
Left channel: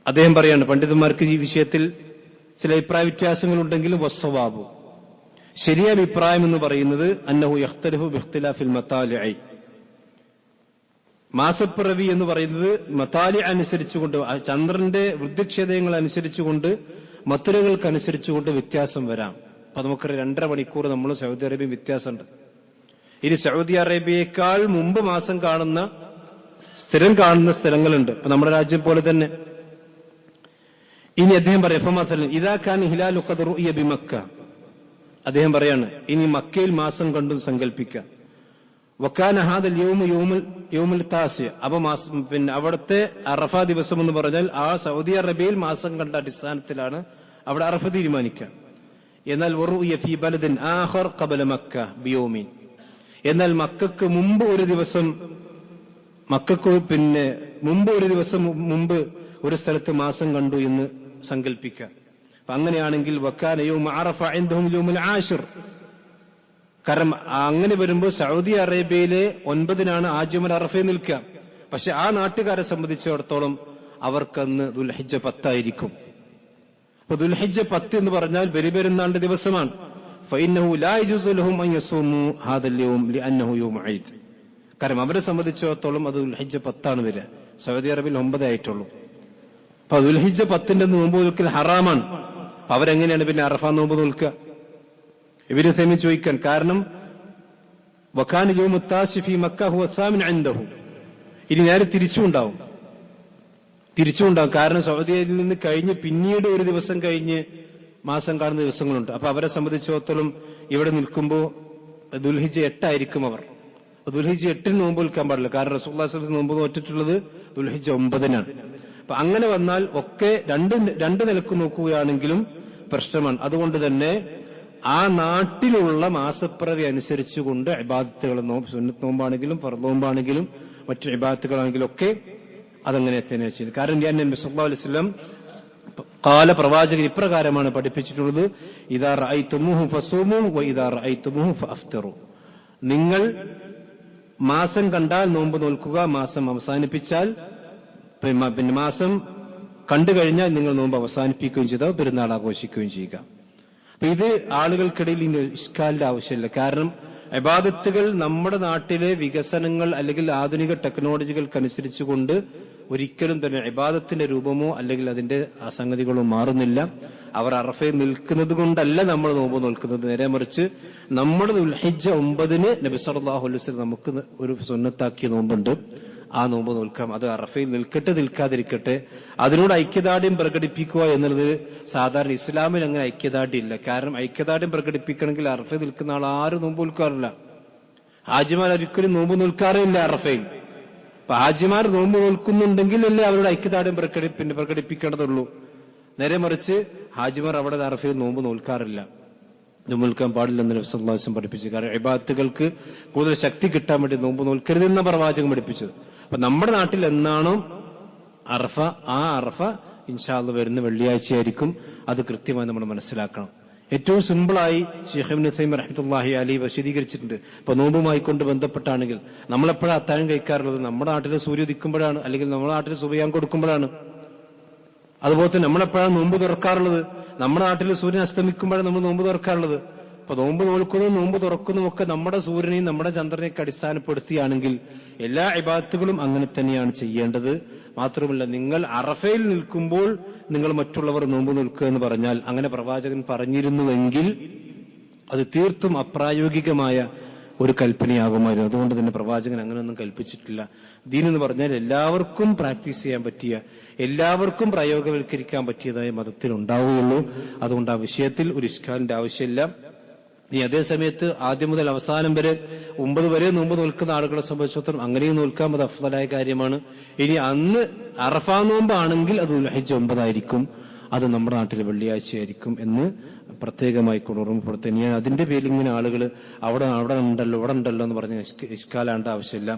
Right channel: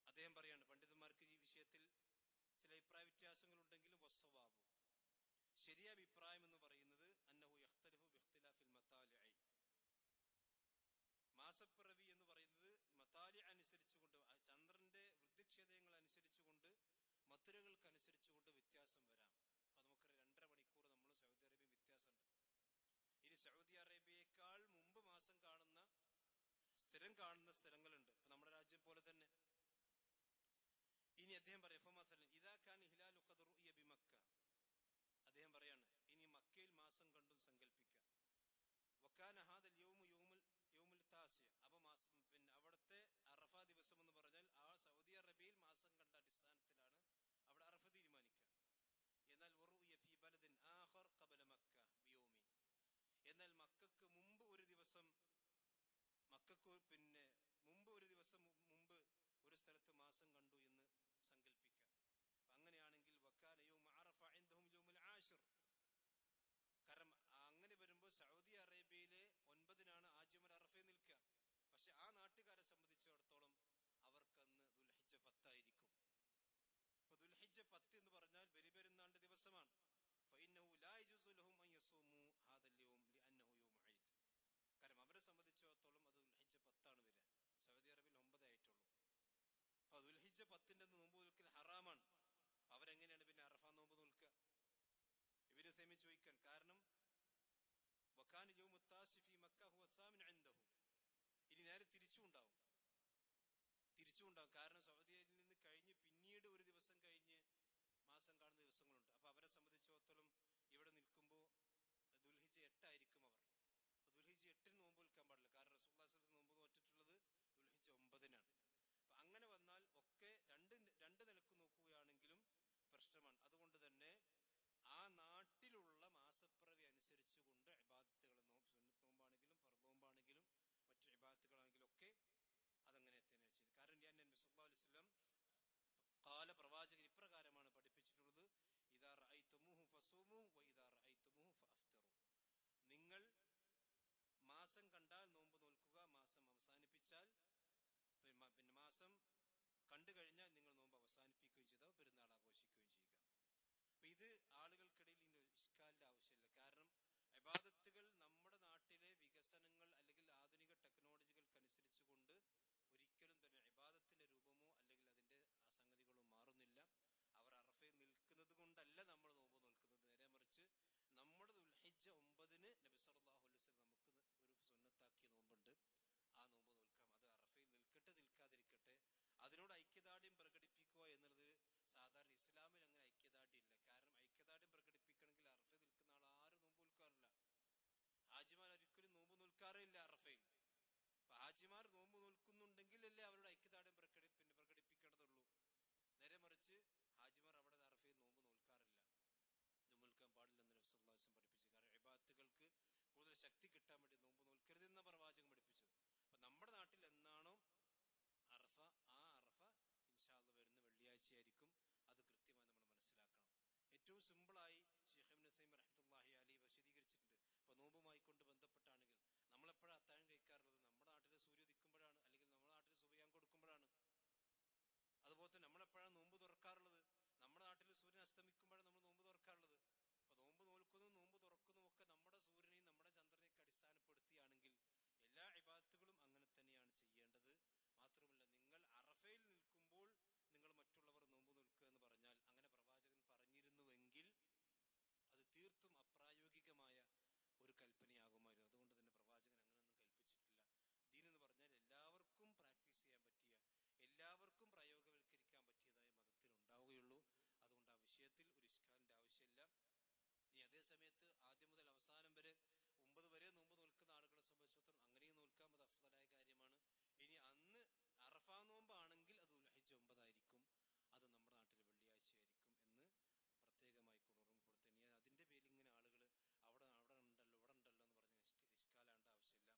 അദ്ദേഹം പറയാണ്, പണ്ഡിതന്മാർക്ക് ഈ വിഷയത്തിൽ ചില അഭിപ്രായ വ്യത്യാസങ്ങളുണ്ടെങ്കിലും വസ്സവാബു, ശരിയായ അഭിപ്രായം എന്ന് പറയുന്നത് അന്നഹു യഖ്തലിഫു ബിഖ്തിലാഫിൽ മതാലിഇ, മാസപ്പിറവി എന്ന് പറയുന്നത് മതാലി അനുസരിച്ചുകൊണ്ട്, ചന്ദ്രന്റെ വൃദ്ധിക്ഷേതങ്ങൾ അനുസരിച്ചുകൊണ്ട്, മത്തുരകൾക്കനുസരിച്ചുകൊണ്ട് വ്യത്യാസം വരാം. അപ്പൊ നമുക്ക് 2.5 മണിക്കൂർ നമ്മൾ സൗദി അറേബ്യ വ്യത്യാസമുണ്ട്. ഇനി സൗദി അറേബ്യയേക്കാൾ മുമ്പ് മാസം കാണുന്ന സ്ഥിരം കാണുന്ന സ്ഥലങ്ങളുണ്ട്, ഇപ്പൊ നമ്മുടെ രാജ്യം പോലെ തന്നെ. ഇനി അദ്ദേഹം പറയാം, ഇദാ കാന ഹിലാലു ഖദ് റുഇയ ബിമക്ക, അദ്ദേഹം പറയാണ് ഇനി മക്കയിൽ മാസം കണ്ടു സങ്കല്പിക്കുക. വക്കാന ഹാദൽ യൗമുൽ താസി, അപ്പൊ പിന്നെ അവിടുത്തെ അറഫ ദിവസം എന്ന് പറഞ്ഞാൽ ആ സൗദി അറേബ്യയിൽ മാസം കണ്ട അടിസ്ഥാനത്തിലാണ് അവിടെ അറഫ തീരുമാനിക്കുക. എന്നാൽ വറുഇയ ഫീ ബലദിൻ ആഖർ ഖബല മക്ക ബിയൗമിൻ, എന്നാൽ മക്കൾക്ക് മുമ്പ് ഒരു ദിവസം മുമ്പ് ഒരു സ്ഥലത്ത് മാസം കണ്ടു എന്ന് സങ്കല്പിക്കുക. അപ്പൊ അങ്ങനെയാണെങ്കിൽ വക്കാന യൗമ അറഫ ഇൻദഹും യൗമുൽ ആശിർ, കാരണം അങ്ങനെ വരുമ്പോൾ സൗദി അറേബ്യയിലെ 9-നാണ് ആജ്യമുൽ അറഫയിൽ നിൽക്കുക. പക്ഷെ ആ നാട്ടുകാരെ സംബന്ധിച്ചിടത്തോളം അവർക്കന്ന് ദുൽഹിജ്ജ 10 ആയിരിക്കും. അപ്പൊ ദുൽഹിജ്ജ 10 എന്ന് പറഞ്ഞാൽ ബലിപെരുന്നാളിന്റെ ദിവസമാണ്. ഫഇന്നഹു ലാ യജൂസു ലഹും അൻ യസൂമു ഹാദൽ യൗം ലിഅന്നഹു യൗമു ഈദ്, കാരണം അവരെ സംബന്ധിച്ചിടത്തോളം അത് ദുൽഹിജ്ജ 10 ആണ് വരിക. സൗദി അറേബ്യയിൽ 9 ആയിട്ടുള്ളൂ. അപ്പൊ ദുൽഹിജ്ജ 10ന്റെ നോമ്പ് നോൽക്കൽ ഹറാമാണ്. അവരെങ്ങനെയാണ് പിന്നെ അറഫ നോമ്പ് നോൽക്കുക? ഇബ്നു തൈമിയ്യ ചോദിക്കാൻ കാരണം വകാന യൗമു താസി ഫീ മക്ക ഹുവ സാമിൻ ഇൻദഹു, ഇനി നേരെ തിരിച്ചുണ്ടാവും. കാരണം സൗദിയിൽ നിന്ന് കഴിഞ്ഞ് പിന്നീട് ഒരു ദിവസം കഴിഞ്ഞ് മാസം കാണുന്ന ദിവസങ്ങളുണ്ട്. അപ്പൊ അവരെ സംബന്ധിച്ചിടത്തോളം ഇവിടെ നിൽക്കുമ്പോൾ ദുൽഹിജ്ജ 8 ആയിരിക്കും അവർ. ദുൽഹിജ്ജ 8 നോമ്പ് നിൽക്കാൻ പാടില്ല, കാരണം റസൂലുള്ളാഹി സ്വല്ലല്ലാഹു അലൈഹി വസല്ലം നോമ്പ് നോറ്റിട്ടുള്ളത് ദുൽഹിജ്ജ 9-നാണ്. അപ്പൊ അങ്ങനെ വന്നാൽ ഒക്കെ രണ്ട് നിലക്ക് നോക്കുകയാണെങ്കിലും പ്രശ്നമാണ്. അതുകൊണ്ട് തന്നെ ആ നാട്ടിലുള്ള മാസപ്പിറവി അനുസരിച്ചുകൊണ്ട് ഇബാദത്തുകൾ, സുന്നത്ത് നോമ്പാണെങ്കിലും ഫർദ് നോമ്പാണെങ്കിലും മറ്റു ഇബാദത്തുകളാണെങ്കിലും ഒക്കെ അതങ്ങനെ തന്നെ ചെയ്യുന്നത്. കാരണം നബി സല്ലല്ലാഹു അലൈഹി വസല്ലം പ്രവാചകൻ ഇപ്രകാരമാണ് പഠിപ്പിച്ചിട്ടുള്ളത്, ഇദാ റഅയ്തുമൂഹു ഫസൂമു വ ഇദാ റഅയ്തുമൂഹു ഫഅഫ്തിറു, നിങ്ങൾ മാസം കണ്ടാൽ നോമ്പ് നോൽക്കുക, മാസം അവസാനിപ്പിച്ചാൽ പിന്നെ മാസം കണ്ടു കഴിഞ്ഞാൽ നിങ്ങൾ നോമ്പ് അവസാനിപ്പിക്കുകയും ചെയ്താൽ പെരുന്നാൾ ആഘോഷിക്കുകയും ചെയ്യുക. അപ്പൊ ഇത് ആളുകൾക്കിടയിൽ ഇനി ഇഷ്കാലിന്റെ ആവശ്യമില്ല. കാരണം ഇബാദത്തുകൾ നമ്മുടെ നാട്ടിലെ വികസനങ്ങൾ അല്ലെങ്കിൽ ആധുനിക ടെക്നോളജികൾക്കനുസരിച്ചുകൊണ്ട് ഒരിക്കലും തന്നെ ഇബാദത്തിന്റെ രൂപമോ അല്ലെങ്കിൽ അതിന്റെ സംഗതികളോ മാറുന്നില്ല. അവർ അറഫയിൽ നിൽക്കുന്നത് കൊണ്ടല്ല നമ്മൾ നോമ്പ് നോൽക്കുന്നത്, നേരെ മറിച്ച് നമ്മുടെ ദുൽഹിജ്ജ 9-ന് നബി സല്ലല്ലാഹു അലൈഹി വസല്ലം നമുക്ക് ഒരു സുന്നത്താക്കിയ നോമ്പുണ്ട്, ആ നോമ്പ് നോൽക്കാം. അത് അറഫയിൽ നിൽക്കട്ടെ നിൽക്കാതിരിക്കട്ടെ, അതിനോട് ഐക്യദാർഢ്യം പ്രകടിപ്പിക്കുക എന്നുള്ളത് സാധാരണ ഇസ്ലാമിൽ അങ്ങനെ ഐക്യദാർഢ്യം ഇല്ല. കാരണം ഐക്യദാർഢ്യം പ്രകടിപ്പിക്കണമെങ്കിൽ അറഫയിൽ നിൽക്കുന്ന ആൾ ആരും നോമ്പ് നോൽക്കാറില്ല. ഹാജിമാർ ഒരിക്കലും നോമ്പ് നോൽക്കാറില്ല അറഫയിൽ. അപ്പൊ ഹാജിമാർ നോമ്പ് നോൽക്കുന്നുണ്ടെങ്കിൽ അല്ലേ അവരുടെ ഐക്യദാർഢ്യം പ്രകടിപ്പിക്കേണ്ടതുള്ളൂ. നേരെ മറിച്ച് ഹാജിമാർ അവിടെ അറഫയിൽ നോമ്പ് നോൽക്കാറില്ല, നോമ്പ് നോൽക്കാൻ പാടില്ലെന്ന് നബി സല്ലല്ലാഹു അലൈഹി വസല്ലം പഠിപ്പിച്ചു. കാരണം ഇബാദത്തുകൾക്ക് കൂടുതൽ ശക്തി കിട്ടാൻ വേണ്ടി നോമ്പ് നോൽക്കരുതെന്ന പ്രവാചകൻ പഠിപ്പിച്ചത്. അപ്പൊ നമ്മുടെ നാട്ടിൽ എന്നാണോ അറഫ, ആ അറഫ ഇൻഷാ അല്ലാഹ് വരുന്ന വെള്ളിയാഴ്ചയായിരിക്കും. അത് കൃത്യമായി നമ്മൾ മനസ്സിലാക്കണം. ഏറ്റവും സിമ്പിളായി ശൈഖ് ഇബ്നു തൈമിയ്യ റഹ്മത്തുള്ളാഹി അലൈഹി വിശദീകരിച്ചിട്ടുണ്ട്. ഇപ്പൊ നോമ്പുമായി കൊണ്ട് ബന്ധപ്പെട്ടാണെങ്കിൽ നമ്മളെപ്പോഴാണ് അത്താഴം കഴിക്കാറുള്ളത്? നമ്മുടെ നാട്ടിലെ സൂര്യ ഉദിക്കുമ്പോഴാണ്, അല്ലെങ്കിൽ നമ്മുടെ നാട്ടിൽ സുബഹിയാൻ കൊടുക്കുമ്പോഴാണ്. അതുപോലെ തന്നെ നമ്മളെപ്പോഴാണ് നോമ്പ് തുറക്കാറുള്ളത്? നമ്മുടെ നാട്ടിൽ സൂര്യൻ അസ്തമിക്കുമ്പോഴാണ് നമ്മൾ നോമ്പ് തുറക്കാറുള്ളത്. അപ്പൊ നോമ്പ് നോൽക്കുന്നതും നോമ്പ് തുറക്കുന്നതും ഒക്കെ നമ്മുടെ സൂര്യനെയും നമ്മുടെ ചന്ദ്രനെയൊക്കെ അടിസ്ഥാനപ്പെടുത്തിയാണെങ്കിൽ എല്ലാ ഇബാദത്തുകളും അങ്ങനെ തന്നെയാണ് ചെയ്യേണ്ടത്. മാത്രമല്ല, നിങ്ങൾ അറഫയിൽ നിൽക്കുമ്പോൾ നിങ്ങൾ മറ്റുള്ളവർ നോമ്പ് നിൽക്കുക എന്ന് പറഞ്ഞാൽ, അങ്ങനെ പ്രവാചകൻ പറഞ്ഞിരുന്നുവെങ്കിൽ അത് തീർത്തും അപ്രായോഗികമായ ഒരു കൽപ്പനയാകുമായിരുന്നു. അതുകൊണ്ട് തന്നെ പ്രവാചകൻ അങ്ങനെയൊന്നും കൽപ്പിച്ചിട്ടില്ല. ദീൻ എന്ന് പറഞ്ഞാൽ എല്ലാവർക്കും പ്രാക്ടീസ് ചെയ്യാൻ പറ്റിയ എല്ലാവർക്കും പ്രയോഗവൽക്കരിക്കാൻ പറ്റിയതായ മതത്തിൽ ഉണ്ടാവുകയുള്ളൂ. അതുകൊണ്ട് ആ വിഷയത്തിൽ ഒരു ഇഷ്കാലിന്റെ ആവശ്യമില്ല. ഈ അതേ സമയത്ത് ആദ്യം മുതൽ അവസാനം വരെ 9 വരെ നോമ്പ് നോൽക്കുന്ന ആളുകളെ സംബന്ധിച്ചിടത്തോളം അങ്ങനെയും നോൽക്കാം, അത് അഫ്ളലായ കാര്യമാണ്. ഇനി അന്ന് അറഫാ നോമ്പാണെങ്കിൽ അത് ദുൽഹിജ്ജ 9 ആയിരിക്കും, അത് നമ്മുടെ നാട്ടിൽ വെള്ളിയാഴ്ചയായിരിക്കും എന്ന് പ്രത്യേകമായി ഓർമ്മപ്പെടുത്തുക. ഞാൻ അതിന്റെ പേരിൽ ഇങ്ങനെ ആളുകൾ അവിടെ ഉണ്ടല്ലോ ഇവിടെ ഉണ്ടല്ലോ എന്ന് പറഞ്ഞ് ഇഷ്കാലാണ്ട ആവശ്യമില്ല.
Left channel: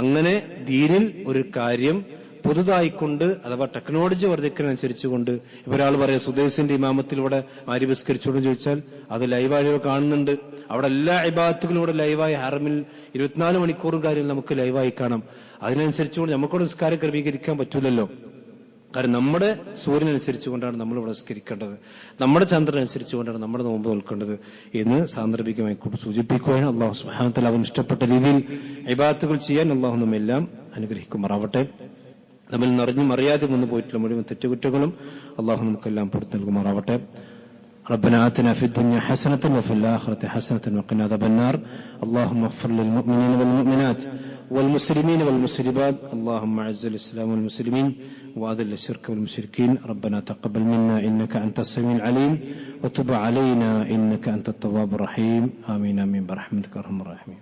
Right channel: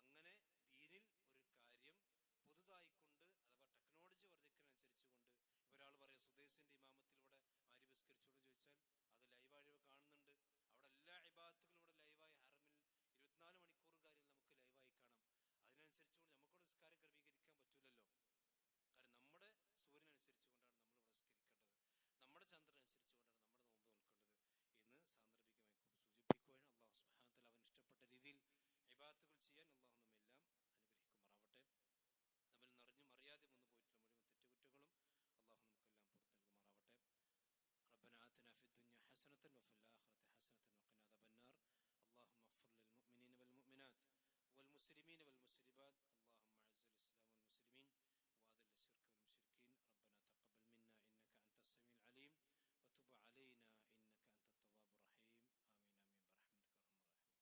അങ്ങനെ ദീനിൽ ഒരു കാര്യം പുതുതായിക്കൊണ്ട് അഥവാ ടെക്നോളജി വർദ്ധിക്കുന്നതനുസരിച്ചുകൊണ്ട് ഒരാൾ പറയാം സുദേശിന്റെ ഇമാമത്തിലൂടെ മാരിബസ്കരിച്ചോന്ന് ചോദിച്ചാൽ അത് ലൈവായി കാണുന്നുണ്ട്. അവിടെ എല്ലാ ഇബാദത്തുകളും ഇവിടെ ലൈവായി ഹറമിൽ 24 മണിക്കൂറും കാര്യം നമുക്ക് ലൈവായി കാണാം. അതിനനുസരിച്ചുകൊണ്ട് നമുക്കിവിടെ നിസ്കാരം ക്രമീകരിക്കാൻ പറ്റൂലല്ലോ. കാരണം നമ്മുടെ സൂര്യനനുസരിച്ചുകൊണ്ടാണ് നമ്മൾ ഇവിടെ നിസ്കരിക്കേണ്ടത്, നമ്മുടെ ചന്ദ്രൻ അനുസരിച്ചുകൊണ്ടാണ് നമ്മുടെ നോമ്പ് നോൽക്കേണ്ടത് എന്ന് സാന്ദർഭികമായി സൂചിപ്പിക്കുകയാണ്. അള്ളാഹു സുബ്ഹാനഹു വ തആല അവൻ ഇഷ്ടപ്പെട്ട രീതിയിൽ ഇബാദത്തുകൾ ചെയ്യാൻ അള്ളാഹു നമ്മെല്ലാം അനുഗ്രഹിക്കുമാറാവട്ടെ. നമ്മിൽ നിറഞ്ഞും അറിയാതെ വന്നു പോയിട്ടുള്ള മുഴുവൻ തെറ്റുകുറ്റങ്ങളും അള്ളാഹു നമുക്കെല്ലാം പുറത്തു നൽകുമാറാവട്ടെ. ربنا آتنا في الدنيا حسنة وفي الآخرة حسنة وقنا عذاب النار. اللهم اغفر للمؤمنين والمؤمنات والمسلمين والمسلمات. اللهم اعز الإسلام والمسلمين وأذل الشرك والمشركين. ربنا تقبل منا إنك أنت السميع العليم وتب علينا إنك أنت التواب الرحيم. آمين آمين برحمتك أرحم الراحمين.